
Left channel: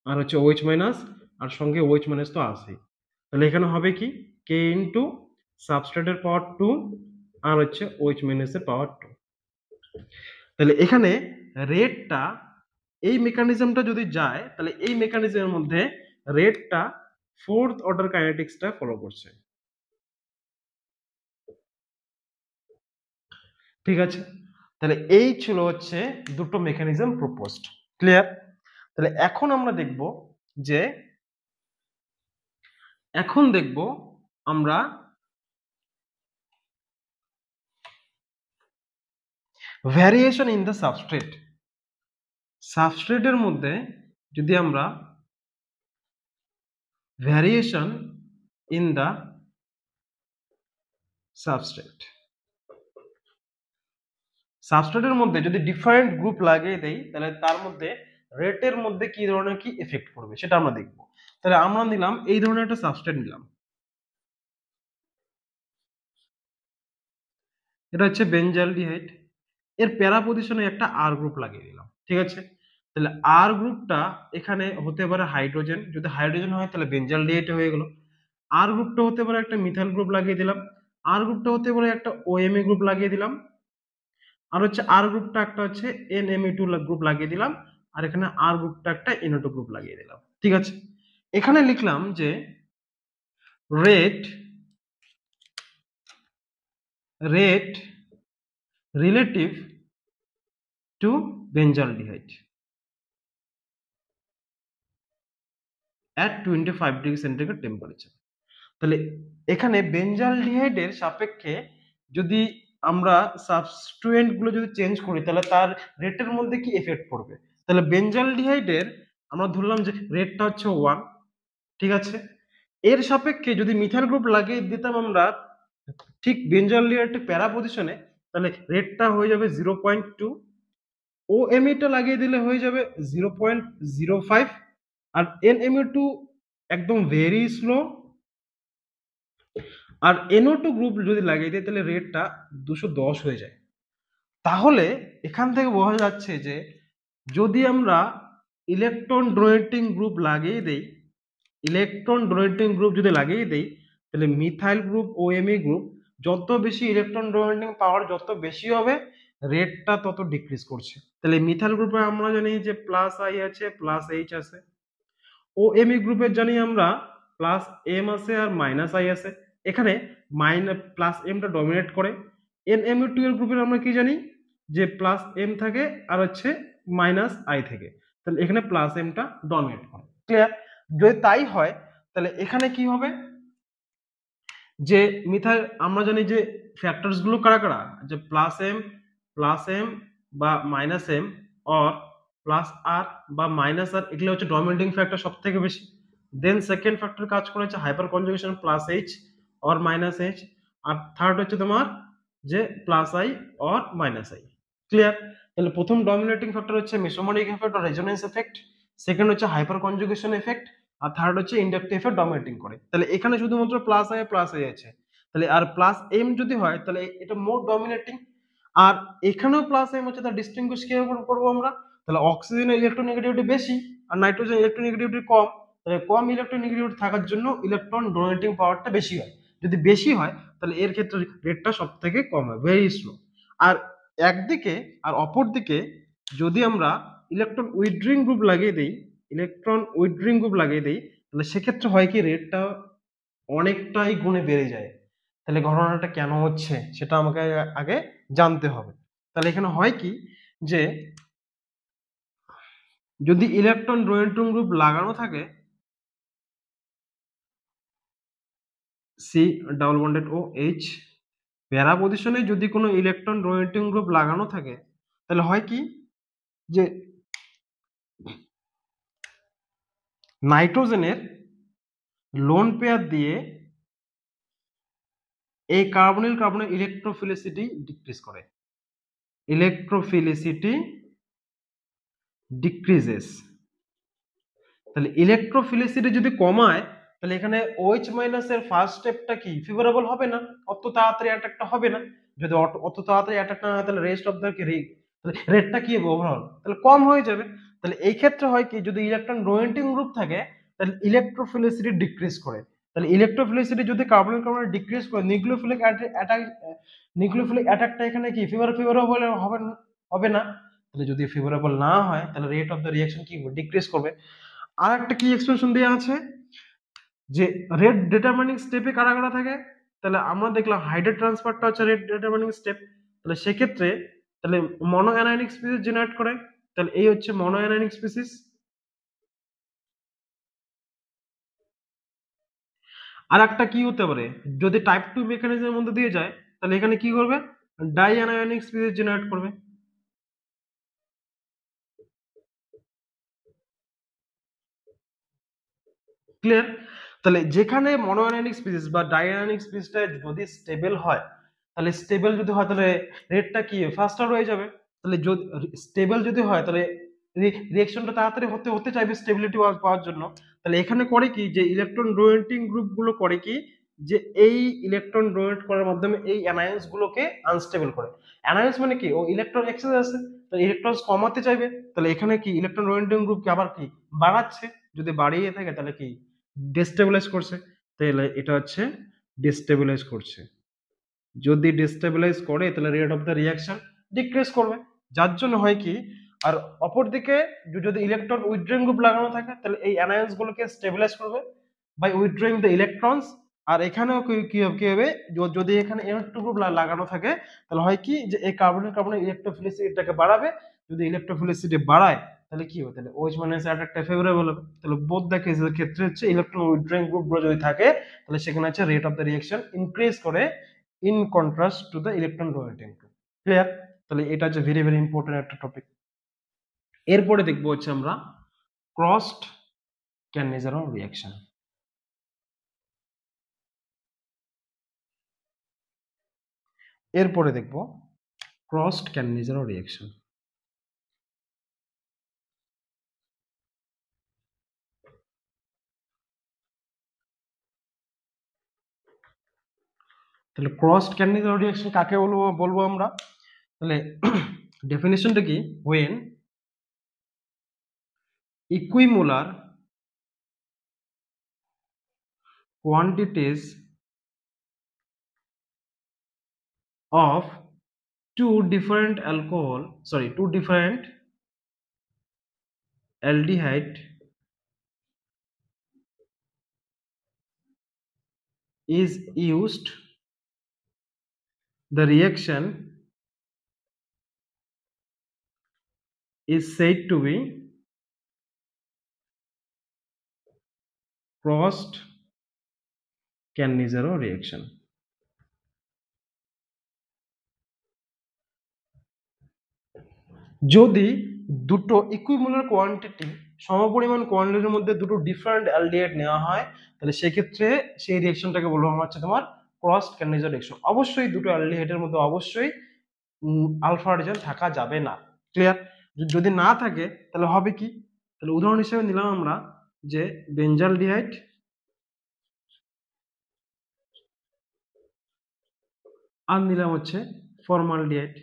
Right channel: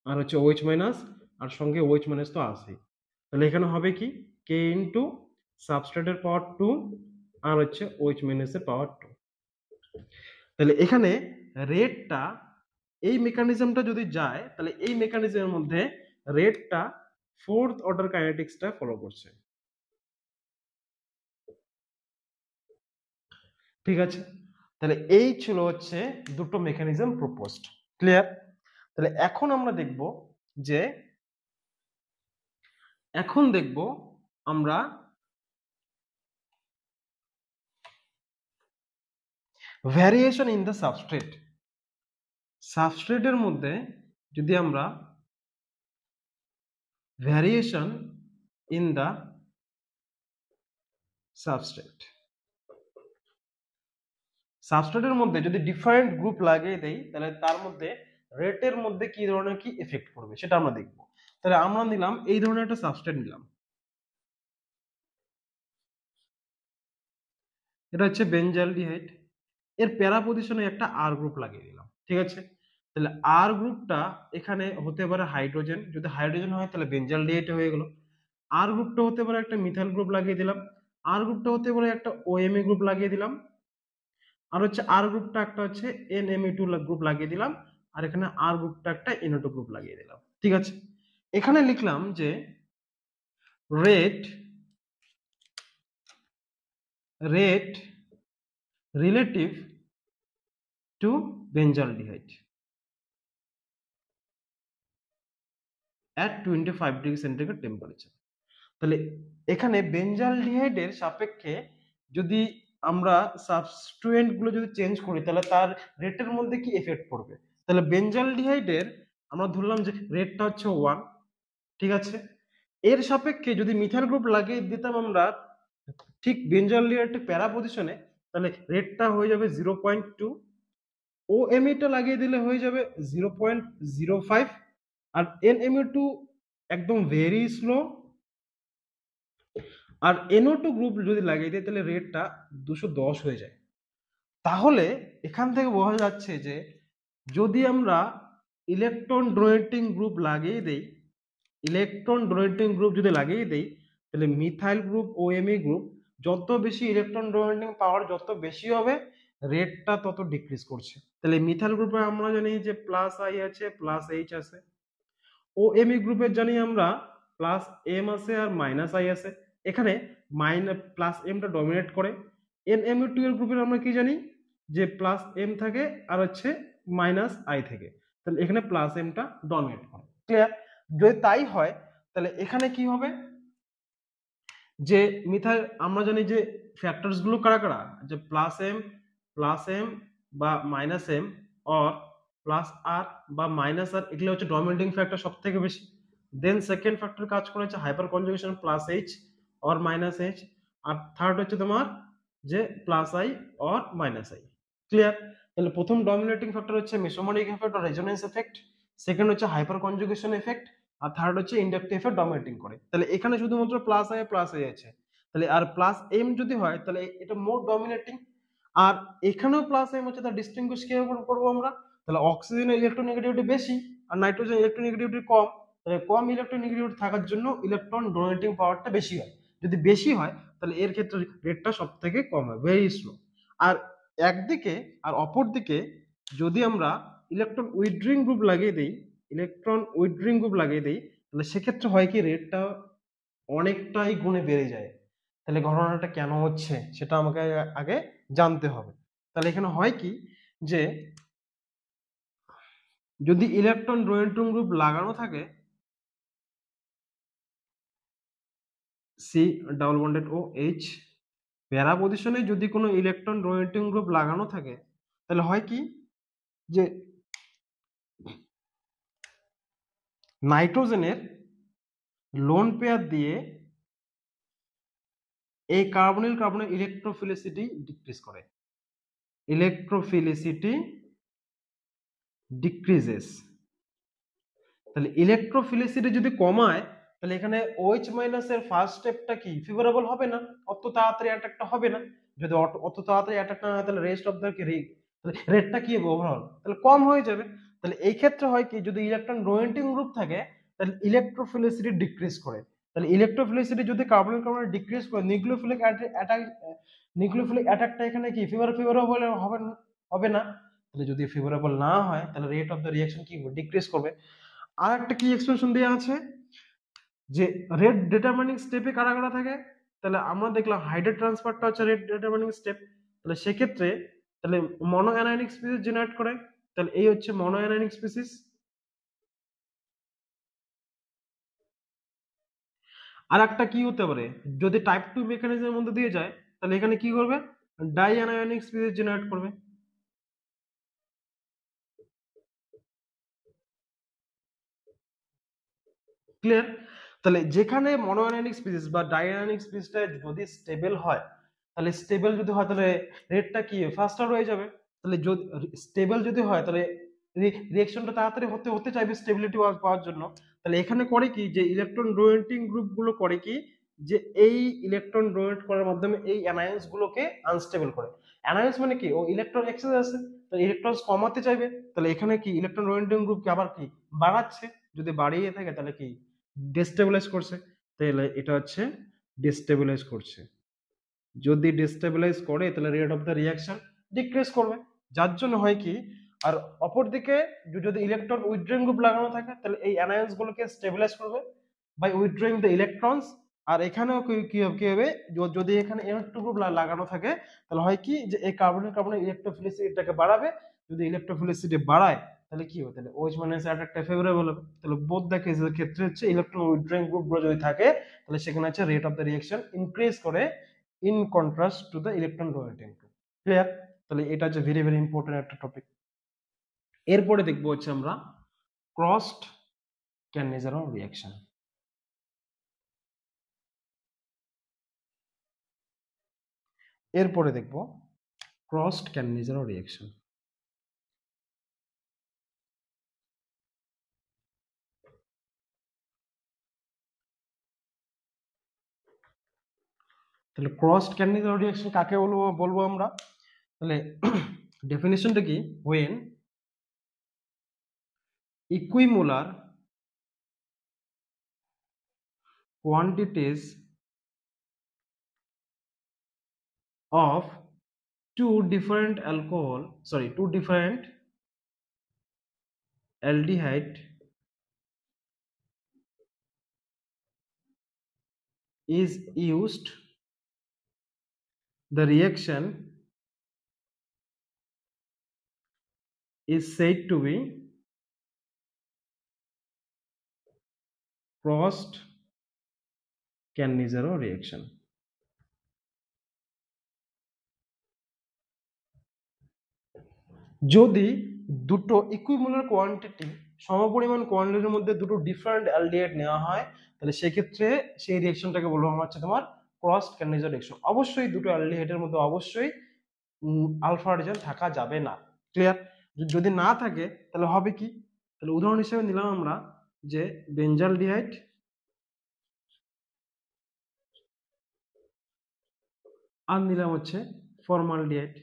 আর হচ্ছে OH- আর সঙ্গে OH- তো আছে, তাহলে এখানে হবে কি K ইনটু সাবস্ট্রেটের পাওয়ার 2 আর হচ্ছে OH- এর পাওয়ার 2। তাহলে এখানে রেটটা, এই মেকানিজমটা যদি যায় তাহলে এই মেকানিজমের মধ্যে রেটটা ফোর্থ অর্ডার কাইনেটিক্সটা ফলো করছে। ঠিক আছে? তাহলে এই ছিল হচ্ছে দুটো মেকানিজম প্রপোজড। ক্লিয়ার? তাহলে এখন আমরা দেখব যে, এখন দেখব আমরা ভ্যারিয়েশন ইন দ্য সাবস্ট্রেট। সাবস্ট্রেটের মধ্যে যদি আমরা ভ্যারিয়েশন ইন দ্য সাবস্ট্রেটের মধ্যে যদি ডিফারেন্ট গ্রুপ লাগিয়ে দেই তাহলে তার মধ্যে রেটের মধ্যে কি ধরনের কি এফেক্ট পড়বে সেটা আমরা দেখব। তাহলে আমরা নিলাম এই ধরনের একটা সাবস্ট্রেট নিলাম, এটা হচ্ছে বেনজালডিহাইড, এর প্যারা পজিশনে একটা আর গ্রুপ লাগিয়ে দিলাম। ঠিক আছে? তাহলে আর গ্রুপটা এখানে হতে পারে হাইড্রোজেন, যদি হাইড্রোজেন হয় তাহলে বেনজালডিহাইড হয়ে গেল। আর গ্রুপটা হতে পারে একটা মিথাইল গ্রুপ লাগিয়ে দিলাম, আর গ্রুপটা হতে পারে একটা OMe গ্রুপ লাগিয়ে দিলাম, আর হচ্ছে আর গ্রুপটা একটা হচ্ছে NMe2 গ্রুপ লাগিয়ে দিলাম, আর এখানে আর গ্রুপটা একটা NO2 গ্রুপ লাগিয়ে দিলাম। ঠিক আছে, এখানে লিখলাম যে rate relative to benzaldehyde at 25 degree centigrade temperature. তাহলে এখানে বেঞ্জালডিহাইডের সাপেক্ষে যদি আমরা সাবস্টিটিউয়েন্ট গুলো যদি চেঞ্জ করি তাহলে তার রেটের মধ্যে কি এফেক্ট পড়বে। তাহলে বেঞ্জালডিহাইডের আমরা ধরলাম যে রেটটা হচ্ছে 1, ঠিক আছে, এর সাপেক্ষে যদি মিথাইল গ্রুপ লাগিয়ে দিতাম আমরা ঠিক বেঞ্জালডিহাইডের প্যারা পজিশনে, তাহলে রেটটা হয়ে যাবে 0.2, OMe টা লাগিয়ে দিলে হয়ে যাবে 0.05, আর NMe2 একদম ভেরি স্লো, আর NO2 গ্রুপ যদি লাগিয়ে দিই তাহলে রেটটা 210 হয়ে যায়। তাহলে এখান থেকে বোঝা যাচ্ছে যে যদি আমরা ইলেকট্রন ডোনেটিং গ্রুপ লাগিয়ে দেই, যদি লাগিয়ে দেই তাহলে মিথাইল গ্রুপ OMe গ্রুপ যত বেশি ইলেকট্রন ডোনেটিং পাওয়ার যত বেশি হবে, রেটটা তত ডিক্রিজ করছে। তাহলে মিথাইল গ্রুপে আমরা জানি যে প্লাস আই আছে, প্লাস এইচ আছে। OMe গ্রুপের জানি আমরা প্লাস এম আছে আর মাইনাস আই আছে। এখানে প্লাস এমটা ডমিনেট করে। NMe2 এর গ্রুপের আমরা কি জানি যে প্লাস এম থাকে আর হচ্ছে মাইনাস আই থাকে, তাহলে এখানে প্লাস এমটা ডমিনেট করে। ক্লিয়ার? যদি তাই হয় তাহলে এখানে কি হবে যে মিথাইল আমরা জানি যে ফ্যাক্টরস গুলো কারা কারা, যে প্লাস এম বা মাইনাস এম অর প্লাস আর বা মাইনাস আর, এগুলো হচ্ছে ডমিনেটিং ফ্যাক্টর সব থেকে বেশি। দেন সেকেন্ড ফ্যাক্টর কাজ করেছে hyperconjugation plus H or minus H, আর থার্ড হচ্ছে তোমার যে plus I or minus I. Clear? তাহলে প্রথম ডমিনেটিং ফ্যাক্টর হচ্ছে mesomeric effect or resonance effect, second হচ্ছে হাইপার কনজুগেশন এফেক্ট, আর থার্ড হচ্ছে ইন্ডাকটিভ এফেক্ট ডমিনেটিং করে। তাহলে এখানে শুধুমাত্র প্লাস আই আছে, তাহলে আর প্লাস এম যদি হয় তাহলে এটা মোর ডমিনেটিং, আর এখানেও প্লাস এম হচ্ছে, তার ডিস্টিংগুইশ কিভাবে করবো আমরা, তাহলে অক্সিজেনের ইলেকট্রোনেগেটিভিটি বেশি আর নাইট্রোজেন ইলেকট্রোনেগেটিভিটি কম, তাহলে কম ইলেকট্রোনেগেটিভিটি থাকার জন্য ইলেকট্রন ডোনেটিং পাওয়ারটা বেশি হয়। যদি বেশি হয় তাহলে এর ক্ষেত্রে রেটটা সব থেকে কম হয়, ভেরি স্লো। আর একদিকে আর অপর দিকে যদি আমরা ইলেকট্রন উইথড্রয়িং গ্রুপ লাগিয়ে দিই, তাহলে সেক্ষেত্রে হয় কি রেটটা অনেকটাই গুণে বেড়ে যায়। তাহলে ঘটনাটা কেন হচ্ছে সেটা আমাকে আগে জানতে হবে। তাহলে এখানে হয় কি যে যদি ইলেকট্রন ডোনেটিং গ্রুপ লাগানো থাকে C double bonded O H para পজিশনে, যদি কোনো ইলেকট্রন ডোনেটিং গ্রুপ লাগানো থাকে তাহলে হয় কি যে নাইট্রোজেনের লোন পেয়ার দিয়ে এই কার্বনিল কার্বনের ইলেকট্রোফিলিসিটি ডিক্রিজেস। তাহলে ইলেকট্রোফিলিসিটি যদি কমায় তাহলে এখানে OH মাইনাস এর ফার্স্ট স্টেপটা কি ফেভারেবল হবে না, অত তাড়াতাড়ি অ্যাটাকটা হবে না। যদি অত তাড়াতাড়ি অ্যাটাক না হয় তাহলে রেস্ট অফ দ্য রেটটা কি হবে ওভারঅল, তাহলে কম হয়ে যাবে। তাহলে এই ক্ষেত্রে হয় কি যদি ইলেকট্রন ডোনেটিং গ্রুপ থাকে তাহলে ইলেকট্রোফিলিসিটি ডিক্রিজ করে। তাহলে ইলেকট্রোফিলিসিটি যদি কার্বন ডিক্রিজ করে নিউক্লিওফিলিক অ্যাটাকটা এখানে কি ফেভারেবল হবে না। তাহলে যদি ফেভারেবল না হয় তাহলে রেট অফ দ্য রিঅ্যাকশন কি ডিক্রিজ করবে। আর একটা কি এক্সপ্রেশন দেওয়া আছে যে রেট ডিটারমিনিং স্টেপে কারা কারা থাকে, তাহলে আমরা দেখলাম হাইড্রেট ট্রান্সফারটা হচ্ছে রেট ডিটারমিনিং স্টেপ। তাহলে সেক্ষেত্রে তাহলে মনো অ্যানায়নিক স্পিসিস জেনারেট করে, তাহলে এই হচ্ছে মনো অ্যানায়নিক স্পিসিস। আর একটা কি হতে পারে যদি টাইপ 2 মেকানিজমের মধ্যে দিয়ে যায় তাহলে এখানে কি করবে ডাই অ্যানায়নিক স্পিসিস জেনারেট করবে। ক্লিয়ার? তাহলে যেখানে মনোঅ্যানায়নিক স্পিসিস বা ডাইঅ্যানায়নিক স্পিসিসটা যদি স্টেবল হয় তাহলে রেটটা কি ফাস্টার হয়ে যাবে। তাহলে যদি স্টেবল যদি হয় তাহলে রিঅ্যাকশনটা তাড়াতাড়ি হতে চাইবে স্টেবিলিটি পাওয়ার জন্য। তাহলে এখানে করে কি যে ইলেকট্রন ডোনেটিং গ্রুপগুলো করে কি যে এই ইলেকট্রন ডোনেট করার মাধ্যমে এই অ্যানায়ন্স গুলোকে আনস্টেবল করে। অ্যানায়ন্স মানে কি ও ইলেকট্রন এক্সেস আছে, তাহলে ইলেকট্রনস কমাতে চাইবে, তাহলে এখানে কি ইলেকট্রন ডোনেটিং গ্রুপকে আবার কি বাড়াচ্ছে, যদি বাড়িয়ে থাকে তাহলে কি ডিস্টেবিলাইজ করছে, তাহলে এটা হচ্ছে ডিস্টেবিলাইজ করছে। যদি ডিস্টেবিলাইজ করে তাহলে rate of the reaction decrease করবে, যার জন্য হয় কি আর অপরদিকে যদি ইলেকট্রন উইথড্রয়িং গ্রুপ লাগানো থাকে তাহলে এই অ্যানায়ন্স গুলোকে স্টেবিলাইজ করবে বাই উইথড্রয়িং দ্য ইলেকট্রনস। আর এখানেও কি হবে, যদি এখানে N2 গ্রুপ লাগানো থাকে তাহলে হয় কি যে এই কার্বনের ইলেকট্রোফিলিসিটিটাকে বাড়াবে। যদি ইলেকট্রোফিলিসিটি বাড়ায় তাহলে কি হবে, তাহলে OH মাইনাস অ্যাটাকটা ফেভারেবল হবে। তাহলে বোথ দ্য কেসের ক্ষেত্রে হচ্ছে ইলেকট্রন উইথড্রয়িং গ্রুপগুলো যদি থাকে তাহলে সেখানে হচ্ছে rate of the reaction increase করে in contrast to the electron donating group. Clear? তাহলে এটা হচ্ছে ভেরি ভেরি ইম্পর্টেন্ট একটা টপিক। এরপরে দেখবো হচ্ছে আমরা ক্রসড ক্যানিজারন রিঅ্যাকশন। এরপরে দেখব ক্রসড ক্যানিজারন রিঅ্যাকশন। তাহলে ক্রসড ক্যানিজারন রিঅ্যাকশন কাকে বলবো আমরা? তাহলে ডেফিনিশনটা কি? when equimolar quantities of two different aldehyde is used, the reaction is said to be crossed Cannizzaro reaction. যদি দুটো ইকুইমোলার কোয়ান্টিটি সমপরিমাণ কোয়ান্টিটির মধ্যে দুটো ডিফারেন্ট অ্যালডিহাইড নেওয়া হয় তাহলে সেক্ষেত্রে সেই রিঅ্যাকশনটাকে বলবো আমরা হচ্ছে তোমার ক্রসড ক্যানিজার রিঅ্যাকশন। অবশ্যই দুটো অ্যালডিহাইডের মধ্যে অবশ্যই আলফা হাইড্রোজেন থাকা যাবে না। ক্লিয়ার? যদি না থাকে তাহলে হবে কি? তাহলে উদাহরণ হিসেবে নিলাম আমরা যে বেঞ্জালডিহাইড আর নিলাম হচ্ছে ফর্মালডিহাইড।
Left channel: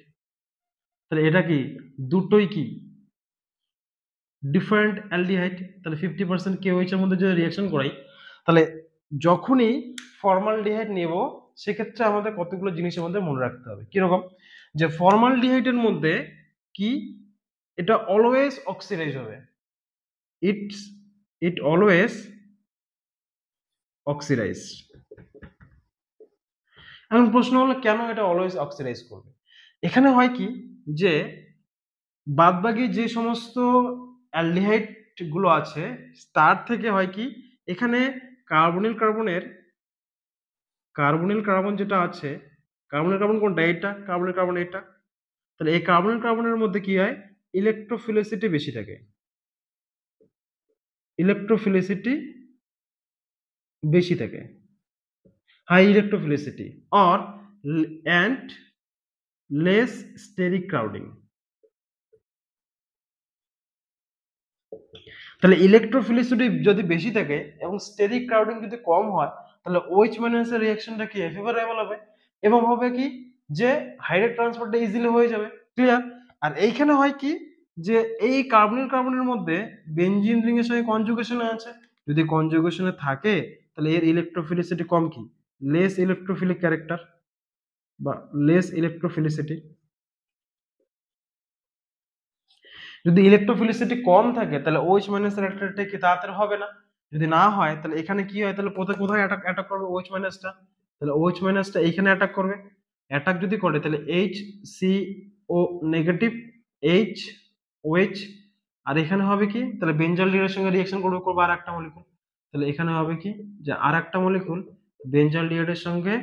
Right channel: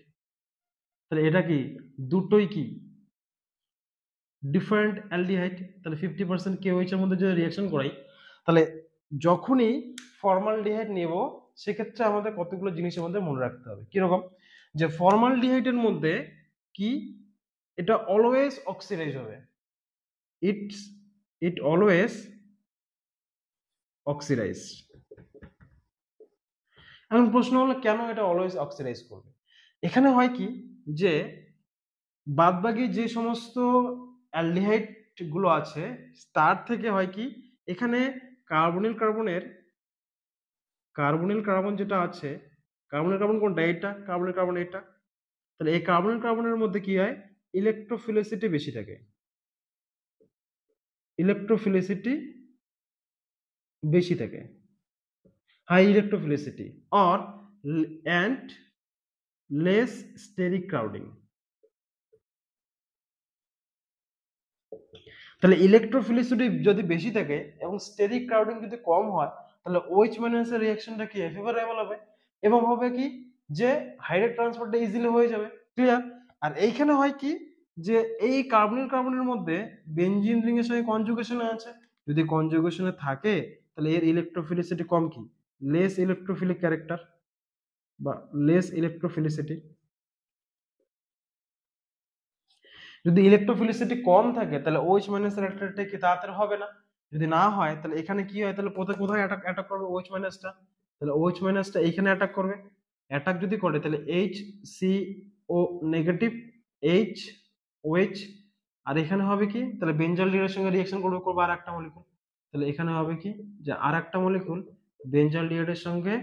তাহলে এটা কি দুটোই কি ডিফারেন্ট অ্যালডিহাইড। তাহলে 50% KOH এর মধ্যে যদি রিঅ্যাকশন করাই তাহলে যখনই ফর্মালডিহাইড নেব সেক্ষেত্রে আমাদের কতগুলো জিনিসের মধ্যে মনে রাখতে হবে। কিরকম? যে ফর্মালডিহাইডের মধ্যে কি এটা অলওয়েজ অক্সিডাইজ হবে, ইট অলওয়েজ অক্সিডাইজ। এখন প্রশ্ন হলো কেন এটা অলওয়েজ অক্সিডাইজ করবে? এখানে হয় কি যে বাদবাকি যে সমস্ত অ্যালডিহাইড গুলো আছে তার থেকে হয় কি এখানে কার্বনিল কার্বন যেটা আছে, কার্বনিল কার্বন কোনটা? এটা কার্বনিল কার্বন এটা। তাহলে এই কার্বনিল কার্বনের মধ্যে কি হয়? ইলেকট্রোফিলিসিটি বেশি থাকে, high ইলেকট্রোফিলিসিটি or and less steric crowding। তাহলে ইলেকট্রোফিলিসিটি যদি বেশি থাকে এবং স্টেরিক ক্রাউডিং যদি কম হয় তাহলে OH মাইনাস এর রিঅ্যাকশনটা কি ফেভারেবল হবে এবং হবে কি যে হাইড্রোজেন ট্রান্সফারটা ইজিলি হয়ে যাবে। ক্লিয়ার? আর এইখানে হয় কি যে এই কার্বনের মধ্যে বেনজিন রিং এর সঙ্গে কনজুগেশনে আছে, যদি কনজুগেশনে থাকে তাহলে এর ইলেকট্রোফিলিসিটি কম, কি লেস ইলেকট্রোফিলিক ক্যারেক্টার বা লেস ইলেকট্রোফিলিসিটি। যদি ইলেকট্রোফিলিসিটি কম থাকে তাহলে OH মাইনাস এর অ্যাট্রাক্টটা কি তাড়াতাড়ি হবে না। যদি না হয় তাহলে এখানে কি হয়, তাহলে কোথায় অ্যাটাক করবে OH মাইনাসটা, তাহলে OH মাইনাসটা এখানে অ্যাটাক করবে। অ্যাটাক যদি করে তাহলে HCO নেগেটিভ OH আর এখানে হবে কি তাহলে বেঞ্জালডিহাইডের সঙ্গে রিঅ্যাকশন করবে আরেকটা মলিকুল। তাহলে এখানে হবে কি যে আরেকটা মলিকুল বেঞ্জালডিহাইডের সঙ্গে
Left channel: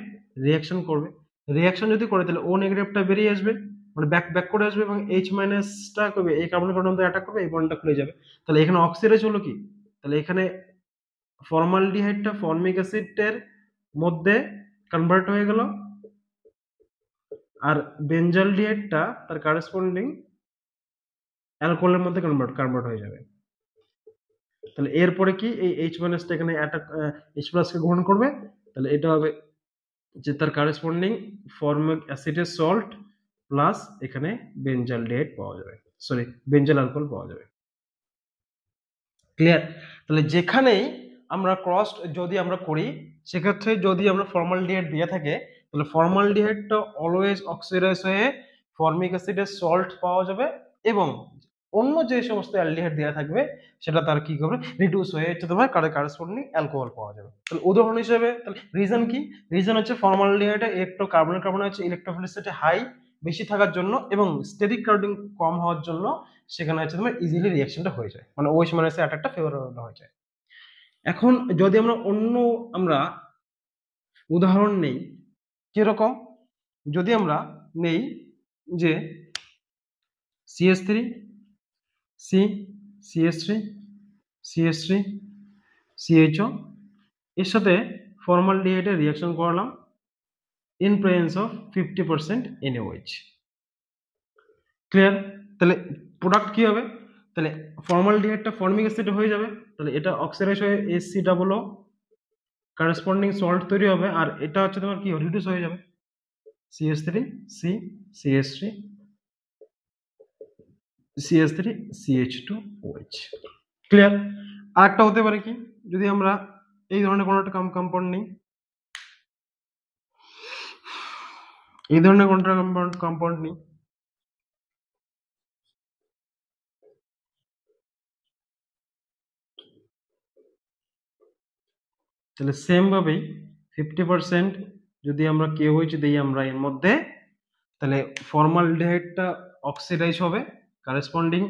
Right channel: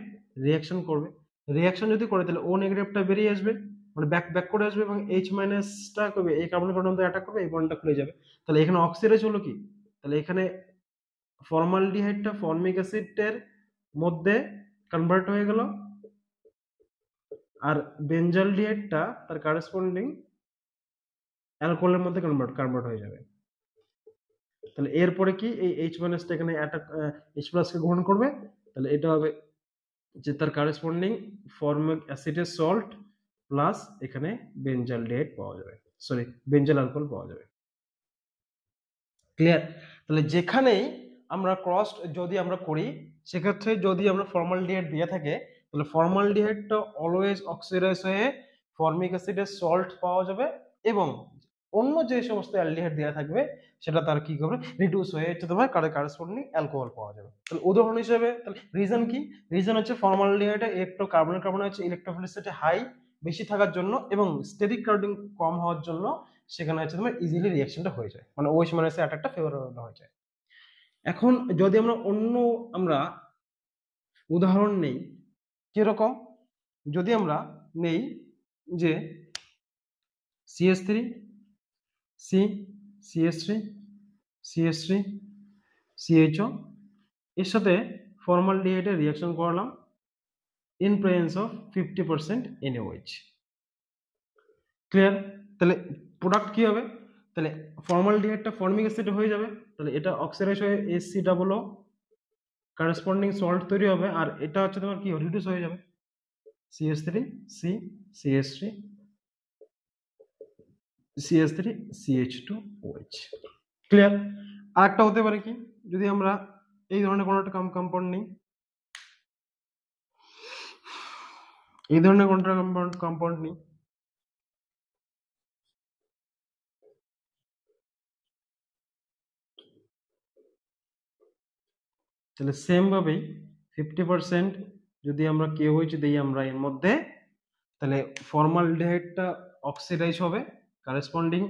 রিঅ্যাকশন করবে। রিঅ্যাকশন যদি করে তাহলে O নেগেটিভটা বেরিয়ে আসবে, মানে ব্যাক করে আসবে এবং H মাইনাসটা করবে এই কার্বনিক কার্বনের মধ্যে অ্যাটাক করবে, এই বন্ডটা খুলে যাবে। তাহলে এখানে অক্সিডাইজ হলো কি, তাহলে এখানে ফর্মালডিহাইডটা ফর্মিক অ্যাসিডের মধ্যে কনভার্ট হয়ে গেল আর বেঞ্জালডিহাইডটা তার করেসপন্ডিং অ্যালকোহলের মধ্যে কনভার্ট হয়ে যাবে। তাহলে এরপরে কি এই H মাইনাসটা এখানে অ্যাটাক H প্লাসকে গ্রহণ করবে, তাহলে এটা হবে যে তার করেসপন্ডিং ফর্মিক অ্যাসিডের সল্ট প্লাস এখানে বেঞ্জালডিহাইড পাওয়া যাবে, সরি বেঞ্জাল অ্যালকোহল পাওয়া যাবে। ক্লিয়ার? তাহলে যেখানেই আমরা ক্রস যদি আমরা করি সেক্ষেত্রে যদি আমরা ফর্মালডিহাইড দিয়ে থাকে তাহলে ফর্মালডিহাইডটা অলওয়েজ অক্সিডাইজ হয়ে ফর্মিক অ্যাসিডের সল্ট পাওয়া যাবে এবং অন্য যে সমস্ত অ্যালডিহাইড দেওয়া থাকবে সেটা তার কি করবে, রিডিউস হয়ে হচ্ছে তোমার কারেসপন্ডিং অ্যালকোহল পাওয়া যাবে। তাহলে উদাহরণ হিসেবে তাহলে রিজন কি, রিজন হচ্ছে ফর্মালডিহাইডে কার্বন হচ্ছে ইলেকট্রোফিলিসিটি হাই বেশি থাকার জন্য এবং স্টেরিক কার্বন কম হওয়ার জন্য সেখানে হচ্ছে তোমার ইজিলি রিঅ্যাকশনটা হয়ে যায়, মানে OH মাইনাসের অ্যাটাকটা ফেভারেবল হয়ে যায়। এখন যদি আমরা উদাহরণ নেই, কিরকম, যদি আমরা নেই যে CH3 C CH3 CH3 CHO এর সাথে ফর্মালডিহাইডের রিঅ্যাকশন করালাম in presence of 50% NaOH। Clear? তাহলে প্রোডাক্ট কি হবে, তাহলে ফর্মালডিহাইডটা ফর্মিক অ্যাসিড হয়ে যাবে, তাহলে এটা অক্সিডাইজ হয়ে HCOO করেসপন্ডিং সল্ট তৈরি হবে, আর এটা হচ্ছে তোমার কি রিডিউস হয়ে যাবে CH3 C CH3 CH3 CH2OH। Clear? আরেকটা হতে পারে কি, যদি আমরা এই ধরনের কোনো একটা কম্পাউন্ড নিই, এই ধরনের কোনটা কম্পাউন্ড নিই, তাহলে সেম ভাবেই 50% যদি আমরা KOH দিই আমরা এর মধ্যে, তাহলে ফর্মালডিহাইডটা অক্সিডাইজ হবে, করেসপন্ডিং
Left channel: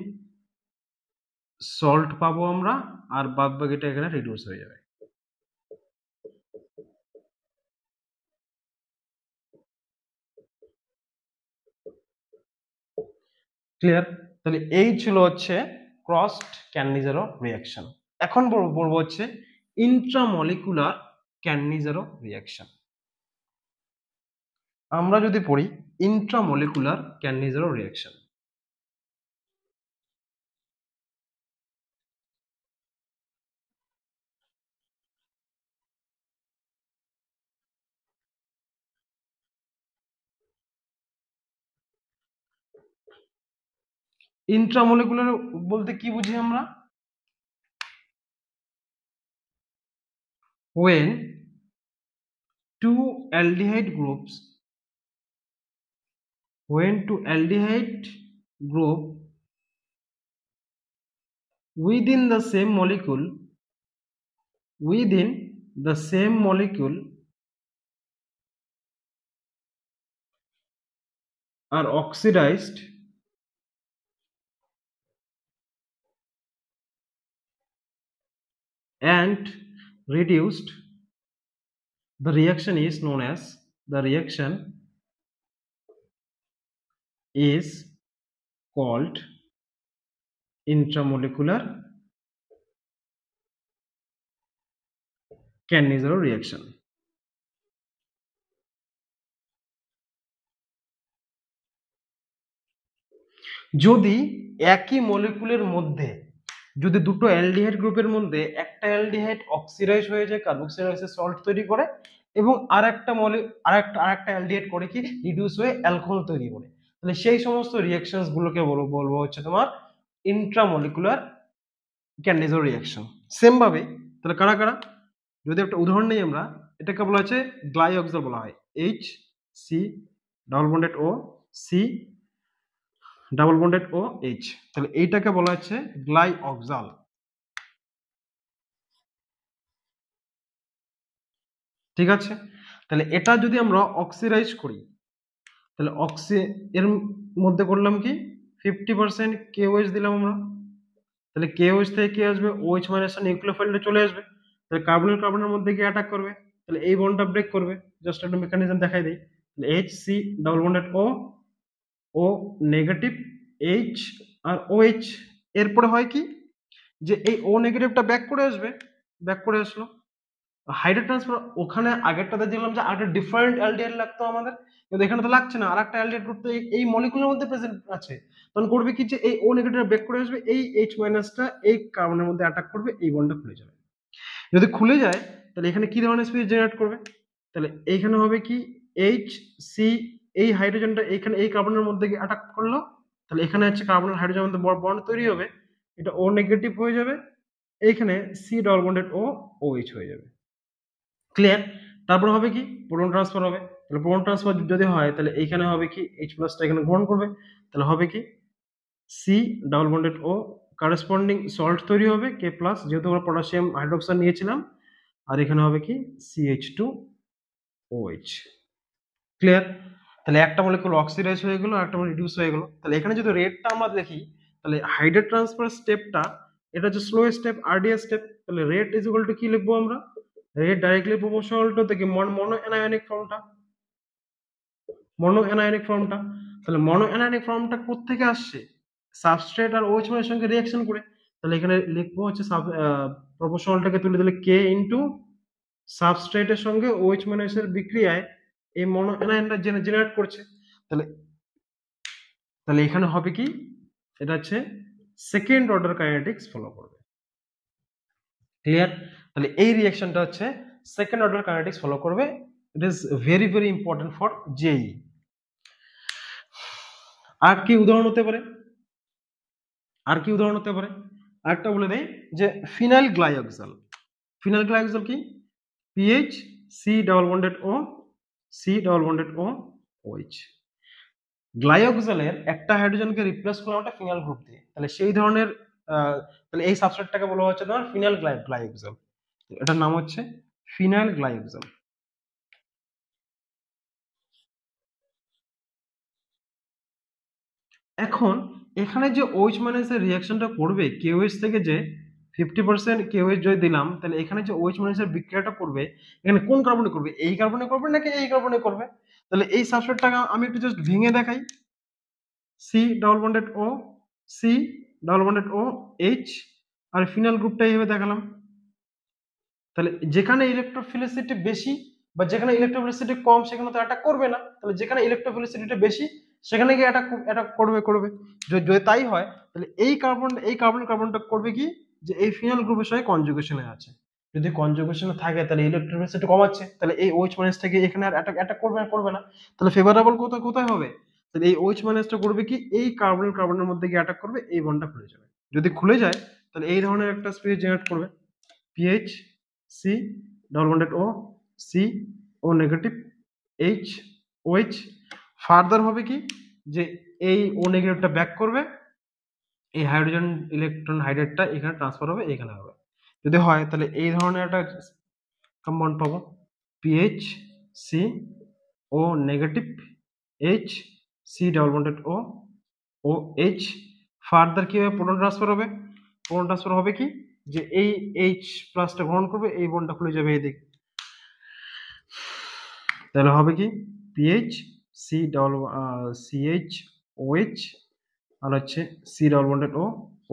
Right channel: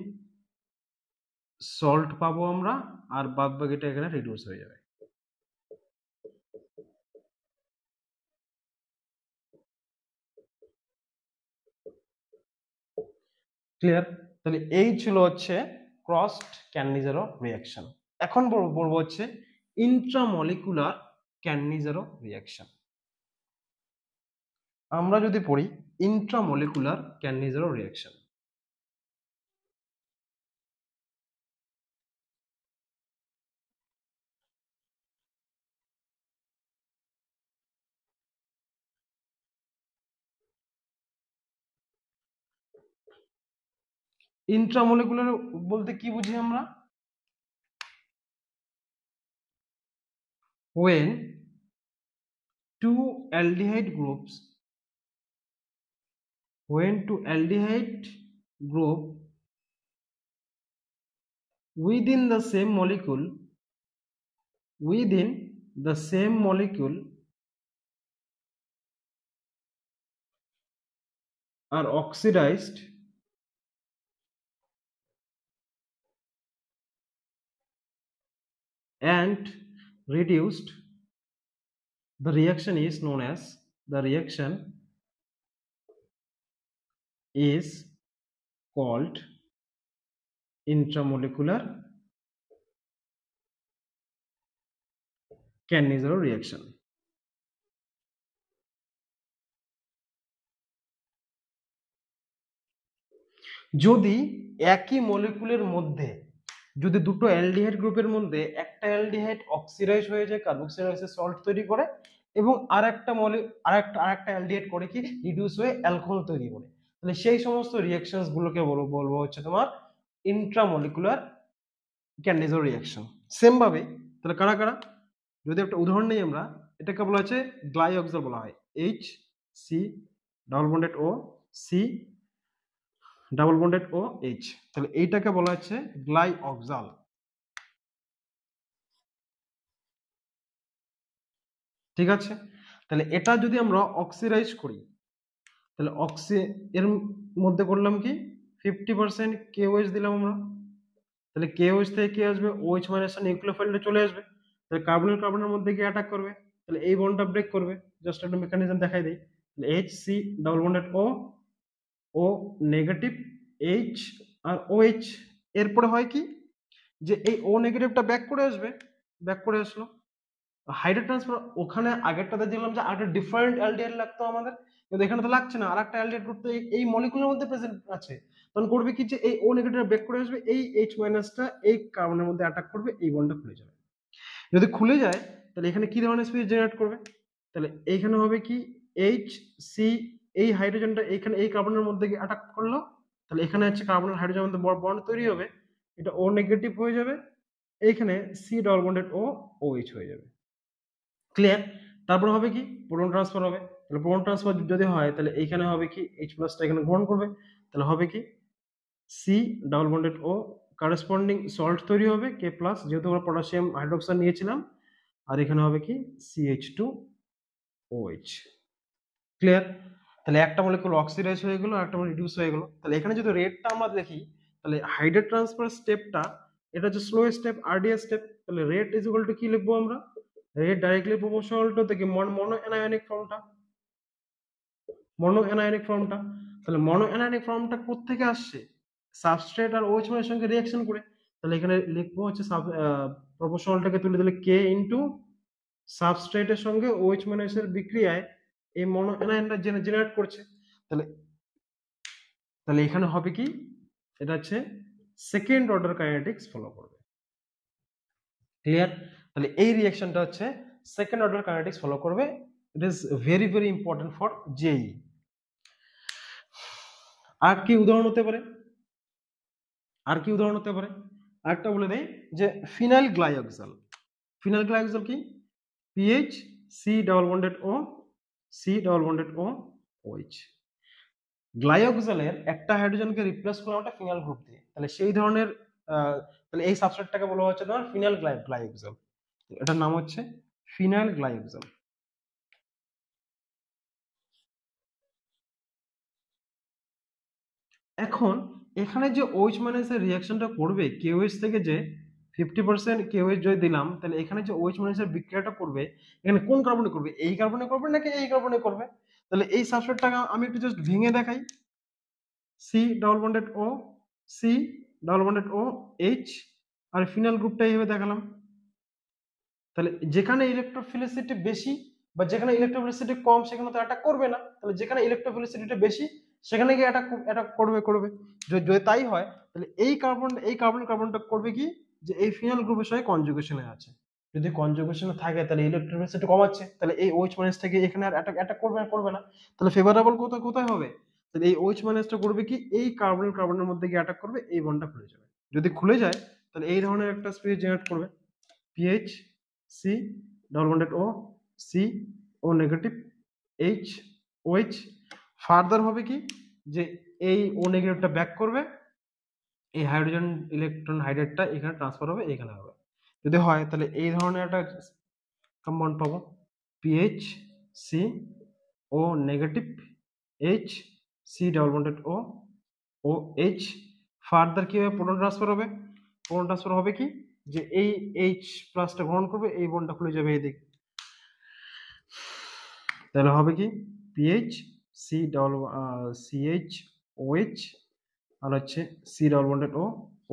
সল্ট পাবো আমরা, আর বাদ বাকিটা এখানে রিডিউস হয়ে যাবে। ক্লিয়ার? তাহলে এই ছিল হচ্ছে ক্রসড ক্যান্নিজারো রিঅ্যাকশন। এখন বলবো হচ্ছে ইন্ট্রামলিকুলার ক্যান্নিজারো রিঅ্যাকশন। আমরা যদি পড়ি ইন্ট্রামলিকুলার ক্যান্নিজারো রিঅ্যাকশন, ইন্ট্রামলিকুলার বলতে কি বুঝি আমরা, when two aldehyde groups within the same molecule are oxidized and reduced, the reaction is called intramolecular Cannizzaro reaction. যদি একই মলিকুলের মধ্যে, যদি দুটো অ্যালডিহাইড গ্রুপের মধ্যে একটা অ্যালডিহাইড অক্সিডাইজ হয়ে যায়, কার্বক্সিলাইসিস সল্ট তৈরি করে, এবং আরেকটা অ্যালডিহাইড করে কি রিডিউস হয়ে অ্যালকোহল তৈরি করে, তাহলে সেই সমস্ত রিঅ্যাকশনস গুলোকে বলবো হচ্ছে তোমার ইন্ট্রামলিকুলার ক্যান্নিজারো রিঅ্যাকশন। সেম ভাবে তাহলে কারা কারা, যদি একটা উদাহরণ নেই আমরা, এটাকে বলা হচ্ছে গ্লাইঅক্সাল বলা হয়, HC double bonded O C double bonded OH, তাহলে এইটাকে বলা হচ্ছে গ্লাইঅক্সাল। ঠিক আছে? তাহলে এটা যদি আমরা অক্সিডাইজ করি, তাহলে এর মধ্যে করলাম কি 50% KOH দিলাম আমরা, তাহলে KOH থেকে কি আসবে, OH মাইনাস নিউক্লিওফাইলটা চলে আসবে, তাহলে কার্বনের মধ্যে গিয়ে অ্যাটাক করবে, তাহলে এই বন্ডটা ব্রেক করবে। জাস্ট একটা মেকানিজম দেখাই দেই, তাহলে HC double bonded O negative H আর OH, এরপরে হয় কি যে এই O নেগেটিভটা ব্যাক করে আসলো, হাইড্রোজেন ট্রান্সফার, ওখানে আগেরটাতে দেখলাম যে আরেকটা ডিফারেন্ট অ্যালডিহাইড লাগতো আমাদের, কিন্তু এখানে তো লাগছে না, আরেকটা অ্যালডিহাইড গ্রুপ তো এই মলিকুলের মধ্যে প্রেজেন্ট আছে, তখন করবে কি যে এই O নেগেটিভটা ব্যাক করে আসবে, এই H মাইনাসটা এই কার্বনের মধ্যে অ্যাটাক করবে, এই বন্ডটা খুলে যাবে। যদি খুলে যায় তাহলে এখানে কি ধরনের স্পিড জেনারেট করবে, তাহলে এইখানে হবে কি HC, এই হাইড্রোজেনটা এইখানে এই কার্বনের মধ্যে গিয়ে অ্যাটাক করলো, তাহলে এখানে হচ্ছে কার্বনের হাইড্রোজেনের মধ্যে বন্ড তৈরি হবে, এটা O নেগেটিভ হয়ে যাবে, এইখানে C ডাবল বন্ডেড OH হয়ে যাবে। ক্লিয়ার? তারপর হবে কি প্রোটন ট্রান্সফার হবে, তাহলে প্রোটন ট্রান্সফার যদি হয় তাহলে এইখানে হবে কি H প্লাসটা এখানে গ্রহণ করবে, তাহলে হবে কি সি ডাবল বন্ডেড ও কারেসপন্ডিং সল্ট তৈরি হবে কে প্লাস, যেহেতু আমরা পটাশিয়াম হাইড্রোক্সাইড নিয়েছিলাম, আর এখানে হবে কি CH2OH। ক্লিয়ার? তাহলে একটা মলিকুল অক্সিডাইজ হয়ে গেল আর একটা মলিকুল রিডিউস হয়ে গেল। তাহলে এখানে যদি রেটটা আমরা দেখি, তাহলে হাইড্রেট ট্রান্সফার স্টেপটা এটা হচ্ছে স্লো স্টেপ, আরডিএস স্টেপ। তাহলে রেট ইজ ইকুয়াল টু কি লিখবো আমরা? রেট ডাইরেক্টলি প্রপোর্শনাল টু থেকে মনো অ্যানায়নিক ফর্মটা, মনো অ্যানায়নিক ফর্মটা। তাহলে মনো অ্যানায়নিক ফর্মটা কোত্থেকে আসছে? সাবস্ট্রেট আর OH এর সঙ্গে রিঅ্যাকশন করে। তাহলে এখানে লিখবো হচ্ছে প্রপোর্শনালটাকে তুলে দিলে K ইনটু সাবস্ট্রেটের সঙ্গে OH এর বিক্রিয়ায় এই মনো অ্যানায়নটা জেনারেট করছে। তাহলে তাহলে এখানে হবে কি, এটা হচ্ছে সেকেন্ড অর্ডার কাইনেটিক্স ফলো করবে। ক্লিয়ার? তাহলে এই রিঅ্যাকশনটা হচ্ছে সেকেন্ড অর্ডার কাইনেটিক্স ফলো করবে। It is very very important for JEE. আর কি উদাহরণ হতে পারে? আর কি উদাহরণ হতে পারে? আরেকটা বলে দেই যে ফিনাইল গ্লাইকোজেল। ফিনাইল গ্লাইকোজেল কি? PH C double bonded O C double bonded ও OH। গ্লাইকোজেলের একটা হাইড্রোজেনকে রিপ্লেস করলাম একটা ফিনাইল গ্রুপ দিয়ে, তাহলে সেই ধরনের তাহলে এই সাবস্ট্রেটটাকে বলা হচ্ছে তোমার ফিনাইল গ্লাইকোজেল। এটার নাম হচ্ছে ফিনাইল গ্লাইকোজেল। এখন এখানে যে OH এর রিঅ্যাকশনটা করবে KOH থেকে, যে 50% KOH যদি দিলাম, তাহলে এখানে যে OH এর বিক্রিয়াটা করবে এখানে কোন কার্বনে করবে? এই কার্বনে করবে নাকি এই কার্বনে করবে? তাহলে এই সাবস্ট্রেটটাকে আমি একটু জাস্ট ভেঙে দেখাই। C double bonded O C double bonded O H, আর ফিনাইল গ্রুপটা এইভাবে দেখালাম। তাহলে যেখানে ইলেকট্রোফিলিসিটি বেশি বা যেখানে ইলেকট্রোফিলিসিটি কম সেখানে তো অ্যাটাক করবে না। তাহলে যেখানে ইলেকট্রোফিলিসিটিটা বেশি সেখানে গিয়ে অ্যাটাক করবে। যদি তাই হয় তাহলে এই কার্বনটা করবে কি, যে এই ফিনাইল গ্রুপের সঙ্গে কনজুগেশনে আছে। যদি কনজুগেশনে থাকে তাহলে ইলেকট্রোফিলিসিটি কমাচ্ছে, তাহলে এই OH থেকে এখানে আর অ্যাটাক করবে না। তাহলে ফেভারেবল কোথায় হবে? তাহলে এই OH টা করবে কি, এই কার্বনের মধ্যে গিয়ে অ্যাটাক করবে, এই বন্ডটা খুলে যাবে। যদি খুলে যায় তাহলে এই ধরনের একটা স্পিড জেনারেট করবে, pH C double bonded O C O negative H OH। Further হবে কি, যে এই ও নেগেটিভটা ব্যাক করবে, এই হাইড্রোজেন ইলেকট্রন হাইড্রেটটা এখানে ট্রান্সফার হবে, এখানে হবে। যদি হয় তাহলে এই ধরনের একটা কম্পাউন্ড পাবো, Ph C O negative H C double bonded O O H. Further কি হবে? প্রোটন ট্রান্সফার হবে। প্রোটন ট্রান্সফার হবে কি, যে এই এইচ প্লাসটা গ্রহণ করবে, এই বন্ডটা খুলে যাবে এদিক। তাহলে হবে কি, PH C double CH OH আর হচ্ছে C double bonded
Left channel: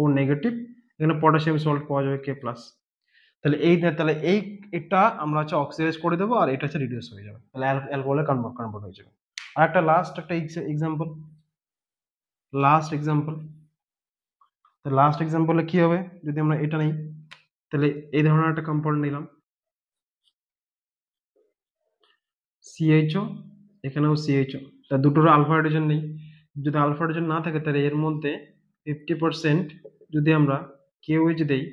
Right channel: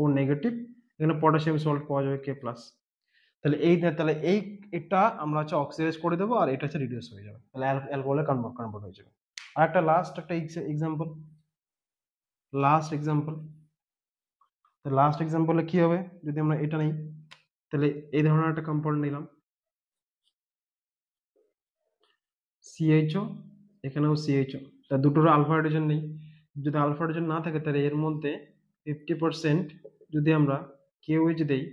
O negative, এখানে পটাশিয়াম সল্ট পাওয়া যাবে K প্লাস। তাহলে এটা আমরা হচ্ছে অক্সিডাইজ করে দেবো, আর এটা হচ্ছে রিডিউস হয়ে যাবে, তাহলে অ্যালকোহলে কনভার্ট হয়ে যাবে। আর একটা লাস্ট এক্সাম্পলে কি হবে, যদি আমরা এটা নিই, তাহলে এই ধরনের একটা কম্পাউন্ড নিলাম, CHO, এখানেও CHO, তা দুটোর আলফা হাইড্রোজেন নেই। যদি আলফা হাইড্রোজেন না থাকে তাহলে এর মধ্যে 50% যদি আমরা KOH দেই,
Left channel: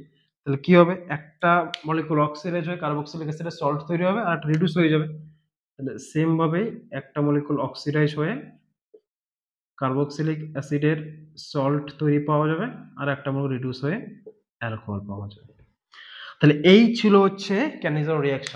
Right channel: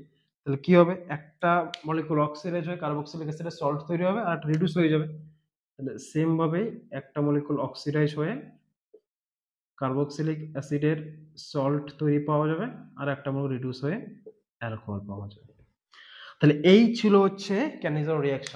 তাহলে কি হবে, একটা মলিকুল অক্সিডাইজ হয়ে কার্বক্সিলিক অ্যাসিডের সল্ট তৈরি হবে আর একটা রিডিউস হয়ে যাবে। তাহলে সেম ভাবেই একটা মলিকুল অক্সিডাইজ হয়ে কার্বক্সিলিক অ্যাসিডের সল্ট তৈরি পাওয়া যাবে আর একটা মলিকুল রিডিউস হয়ে অ্যালকোহল পাওয়া যাবে। তাহলে এই ছিল হচ্ছে ক্যানিজার রিঅ্যাকশন।